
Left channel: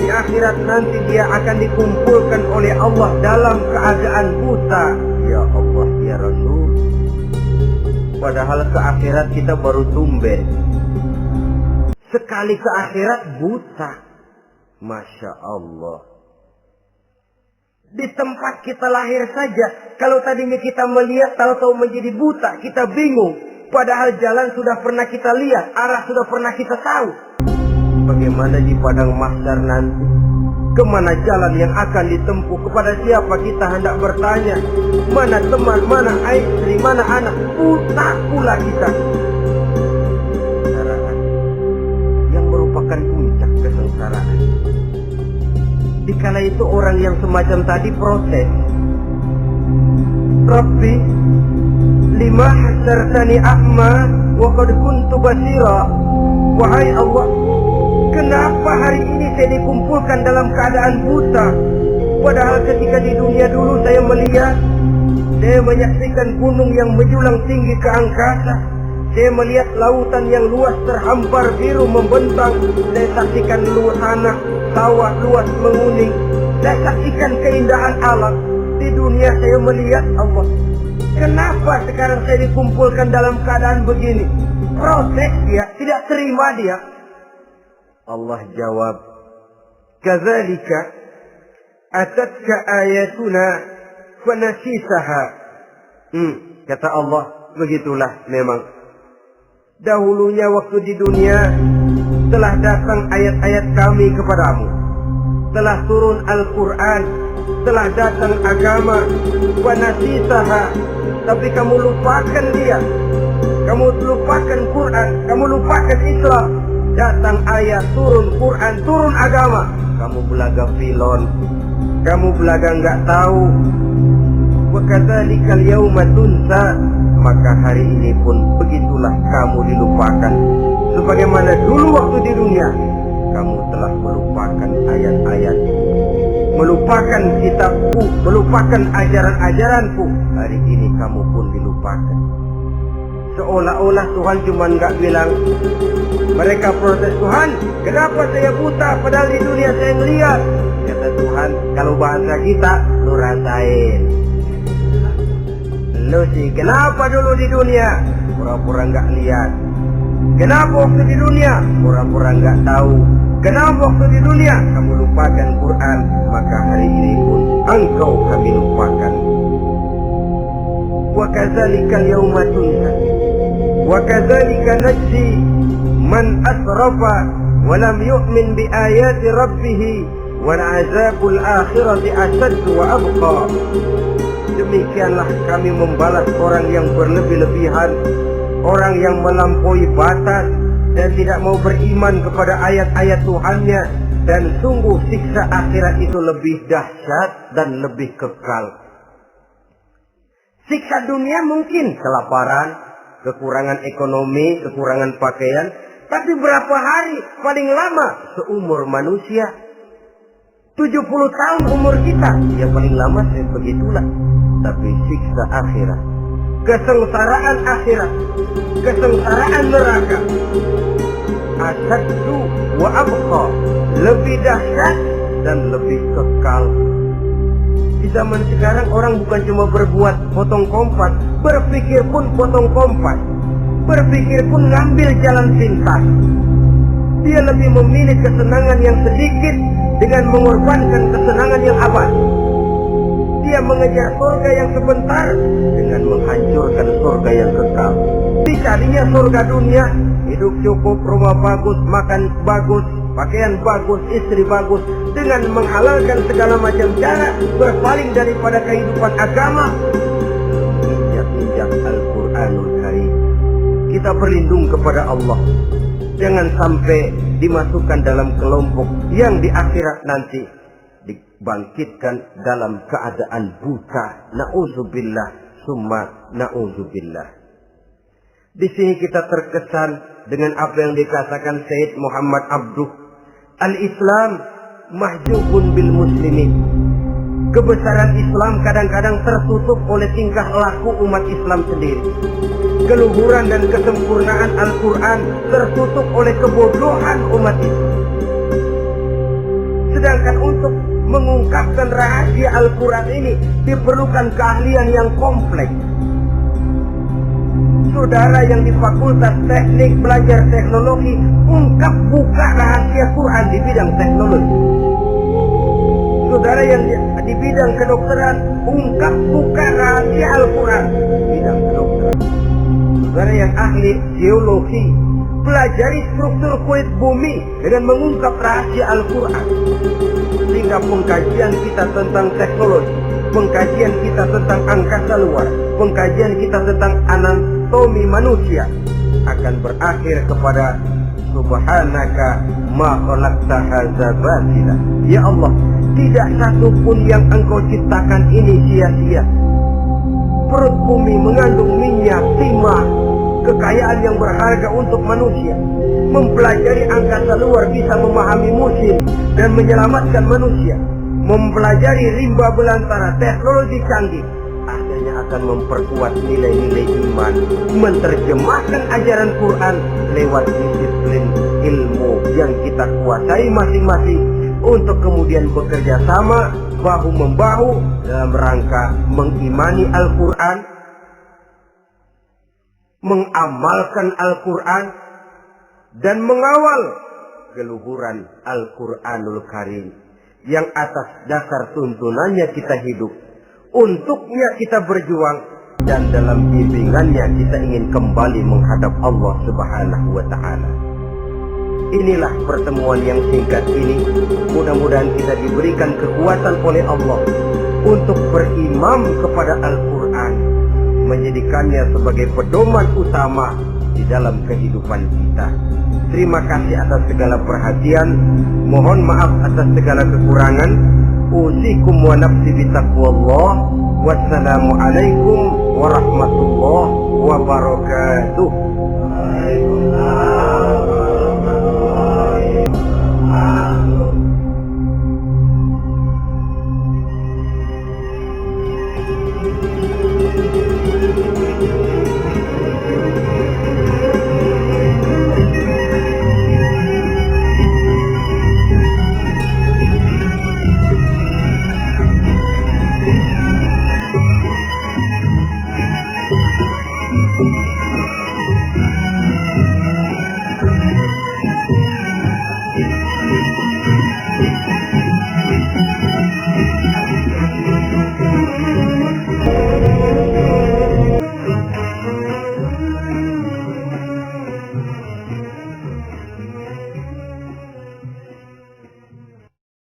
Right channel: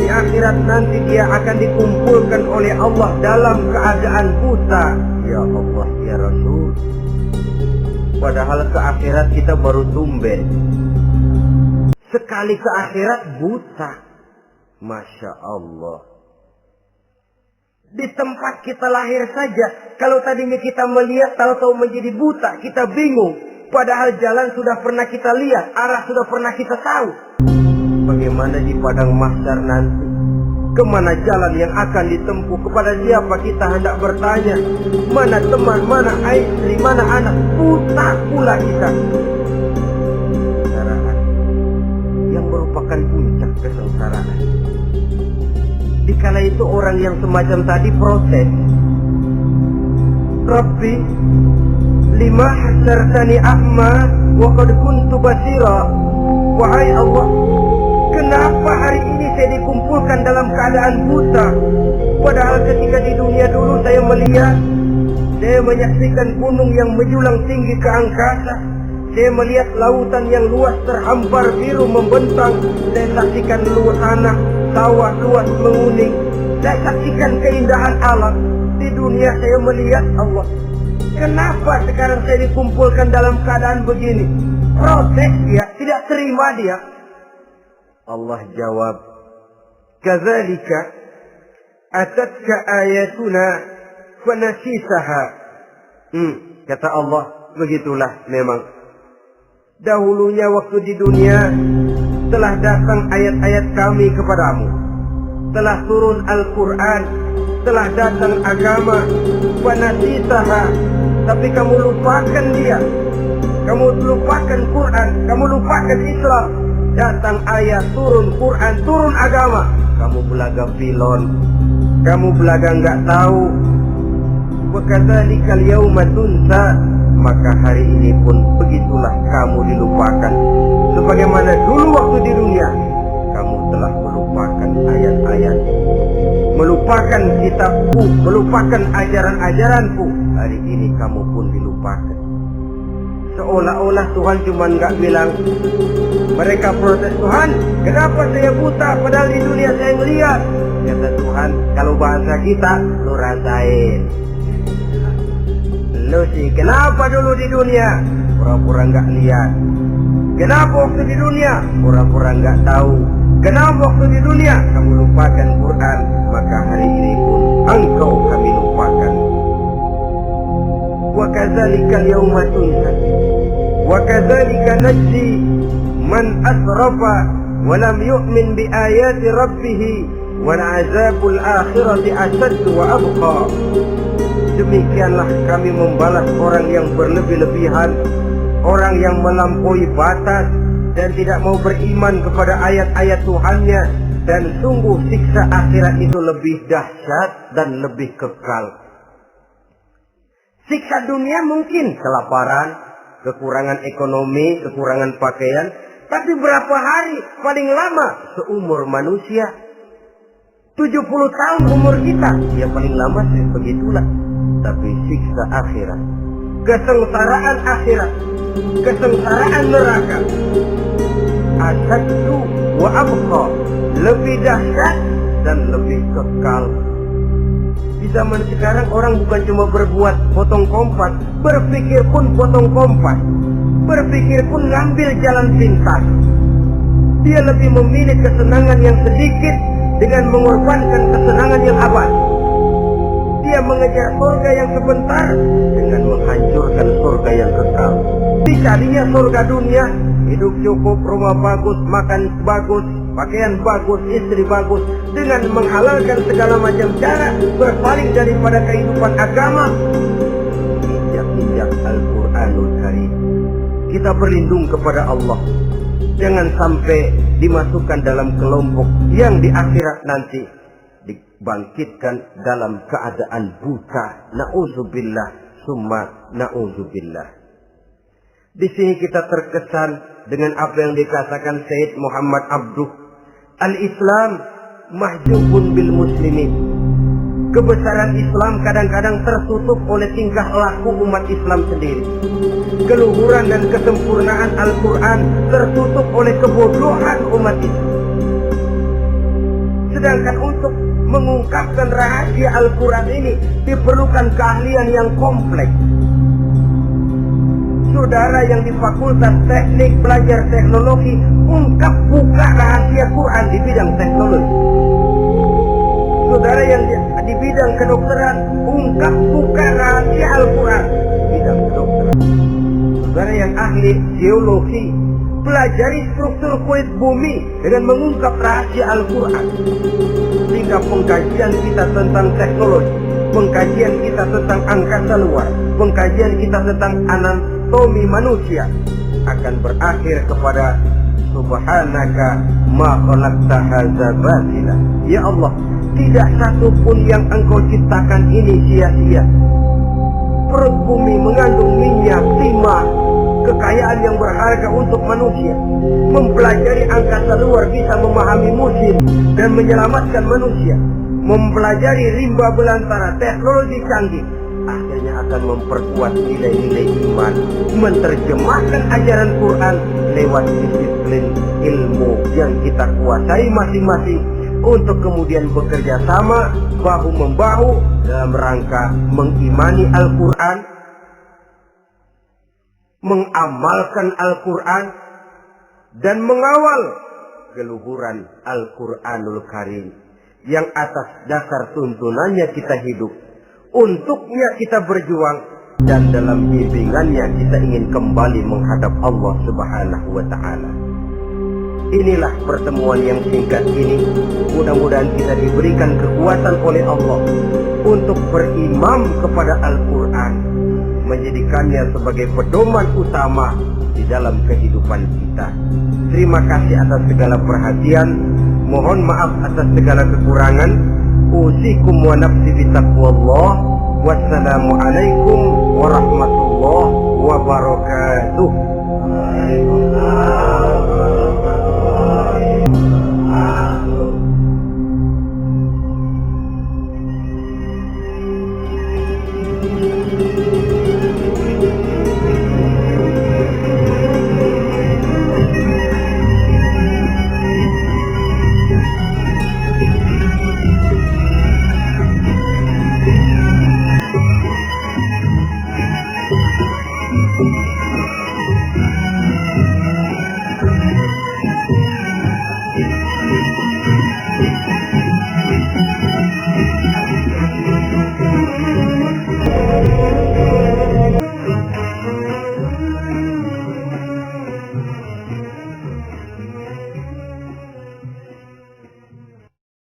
Di akhirat nanti dia akan dikumpulkan oleh Allah dalam keadaan buta. Ya Allah, ya Rasul. Padahal ke akhirat kita baru tumben. Sekali ke akhirat buta. Masya Allah. Di tempat kita lahir saja, kalau tadinya kita melihat, tahu-tahu menjadi buta, kita bingung. Padahal jalan sudah pernah kita lihat, arah sudah pernah kita tahu. Bagaimana di padang mahsyar nanti? Kemana jalan yang akan ditempuh? Kepada siapa kita hendak bertanya? Mana teman, mana istri, mana anak? Buta pula kita. Kesengsaraan yang merupakan puncak kesengsaraan. Dikala itu orang yang semacam tadi protes, Rabbi, lima hasyartani a'ma wa qad kuntu basira. Wahai Allah, kenapa hari ini saya dikumpulkan dalam keadaan buta? Padahal ketika di dunia dulu saya melihat, saya menyaksikan gunung yang menjulang tinggi ke angkasa, saya melihat lautan yang luas terhampar biru membentang, saya saksikan luas tanah, sawah luas menguning, saya saksikan keindahan alam. Di dunia saya melihat Allah. Kenapa sekarang saya dikumpulkan dalam keadaan begini? Protes dia, tidak terima dia. Allah jawab, kadzalika atatka ayatuna fanasitaha. Kata Allah, begitulah memang. Dahulunya waktu di dunia telah datang ayat-ayat kami kepadamu, telah turun Al-Quran, telah datang agama, fanasitaha, tapi kamu lupakan dia. Kamu lupakan Quran, kamu lupakan Islam. Datang ayat, turun Quran, turun agama, kamu belaga filon, kamu belaga nggak tahu. Wa kadzalikal yauma tunsa, maka hari ini pun begitulah kamu dilupakan. Sebagaimana dulu waktu di dunia kamu telah melupakan ayat-ayat, melupakan kitabku, melupakan ajaran-ajaranku. Hari ini kamu pun dilupakan. Seolah-olah Tuhan cuma nggak bilang. Mereka protes, Tuhan, kenapa saya buta padahal di dunia saya ngeliat? Kata Tuhan, kalau bahasa kita, lu rasain. Lu sih, kenapa dulu di dunia? Pura-pura nggak lihat. Kenapa waktu di dunia? Pura-pura nggak tahu. Kenapa waktu di dunia kamu lupakan Quran? Maka hari ini pun engkau kami lupakan. Wa kadzalika al-yawma tunsa wa kadzalika najzi man asrafa wa lam yu'min bi ayati rabbih wal 'adzabul akhirati asyaddu wa abqa. Demikianlah kami membalas orang yang berlebih-lebihan, orang yang melampaui batas dan tidak mau beriman kepada ayat-ayat Tuhannya, dan sungguh siksa akhirat itu lebih dahsyat dan lebih kekal. Siksa dunia mungkin kelaparan, kekurangan ekonomi, kekurangan pakaian, tapi berapa hari paling lama seumur manusia? 70 tahun umur kita, ya paling lama begitulah. Tapi siksa akhirat, kesengsaraan akhirat, kesengsaraan neraka, asyaddu wa abqa, lebih dahsyat dan lebih kekal. Di zaman sekarang orang bukan cuma berbuat potong kompas, berpikir pun potong kompas, berpikir pun ngambil jalan pintas. Dia lebih memilih kesenangan yang sedikit dengan mengorbankan kesenangan yang abadi. Dia mengejar surga yang sebentar dengan menghancurkan surga yang kekal. Dicarinya surga dunia, hidup cukup, rumah bagus, makan bagus, pakaian bagus, istri bagus, dengan menghalalkan segala macam cara, berpaling daripada kehidupan agama, injak-injak Al-Quranul Karim. Kita berlindung kepada Allah, jangan sampai dimasukkan dalam kelompok yang di akhirat nanti dibangkitkan dalam keadaan buta. Na'udzubillah summa na'udzubillah. Di sini kita terkesan dengan apa yang dikatakan Sayyid Muhammad Abduh, al-Islam mahjubun bil muslimin. Kebesaran Islam kadang-kadang tertutup oleh tingkah laku umat Islam sendiri. Keluhuran dan kesempurnaan Al-Quran tertutup oleh kebodohan umat Islam. Sedangkan untuk mengungkapkan rahasia Al-Quran ini diperlukan keahlian yang kompleks. Saudara yang di Fakultas Teknik belajar teknologi, ungkap buka rahasia Quran di bidang teknologi. Saudara yang di bidang kedokteran, ungkap buka rahasia Al-Quran di bidang kedokteran. Saudara yang ahli geologi, pelajari struktur kulit bumi dengan mengungkap rahasia Al-Quran. Sehingga pengkajian kita tentang teknologi, pengkajian kita tentang angkasa luar, pengkajian kita tentang anatomi manusia akan berakhir kepada subhanaka ma khalaqta hadza batila. Ya Allah, tidak satu pun yang Engkau ciptakan ini sia-sia. Perut bumi mengandung minyak, timah, kekayaan yang berharga untuk manusia. Mempelajari angkasa luar bisa memahami musim dan menyelamatkan manusia. Mempelajari rimba belantara, teknologi canggih, akhirnya akan memperkuat nilai-nilai iman. Menerjemahkan ajaran Quran lewat disiplin ilmu yang kita kuasai masing-masing, untuk kemudian bekerja sama bahu-membahu dalam rangka mengimani Al-Quran, mengamalkan Al-Quran, dan mengawal keluhuran Al-Quranul Karim yang atas dasar tuntunannya kita hidup, untuknya kita berjuang, dan dalam bimbingannya kita ingin kembali menghadap Allah Subhanahu wa Ta'ala. Inilah pertemuan yang singkat ini. Mudah-mudahan kita diberikan kekuatan oleh Allah untuk berimam kepada Al-Quran, menjadikannya sebagai pedoman utama di dalam kehidupan kita. Terima kasih atas segala perhatian. Mohon maaf atas segala kekurangan. Usikum wa nafsi bitaqwallah. Wassalamualaikum warahmatullahi wabarakatuh.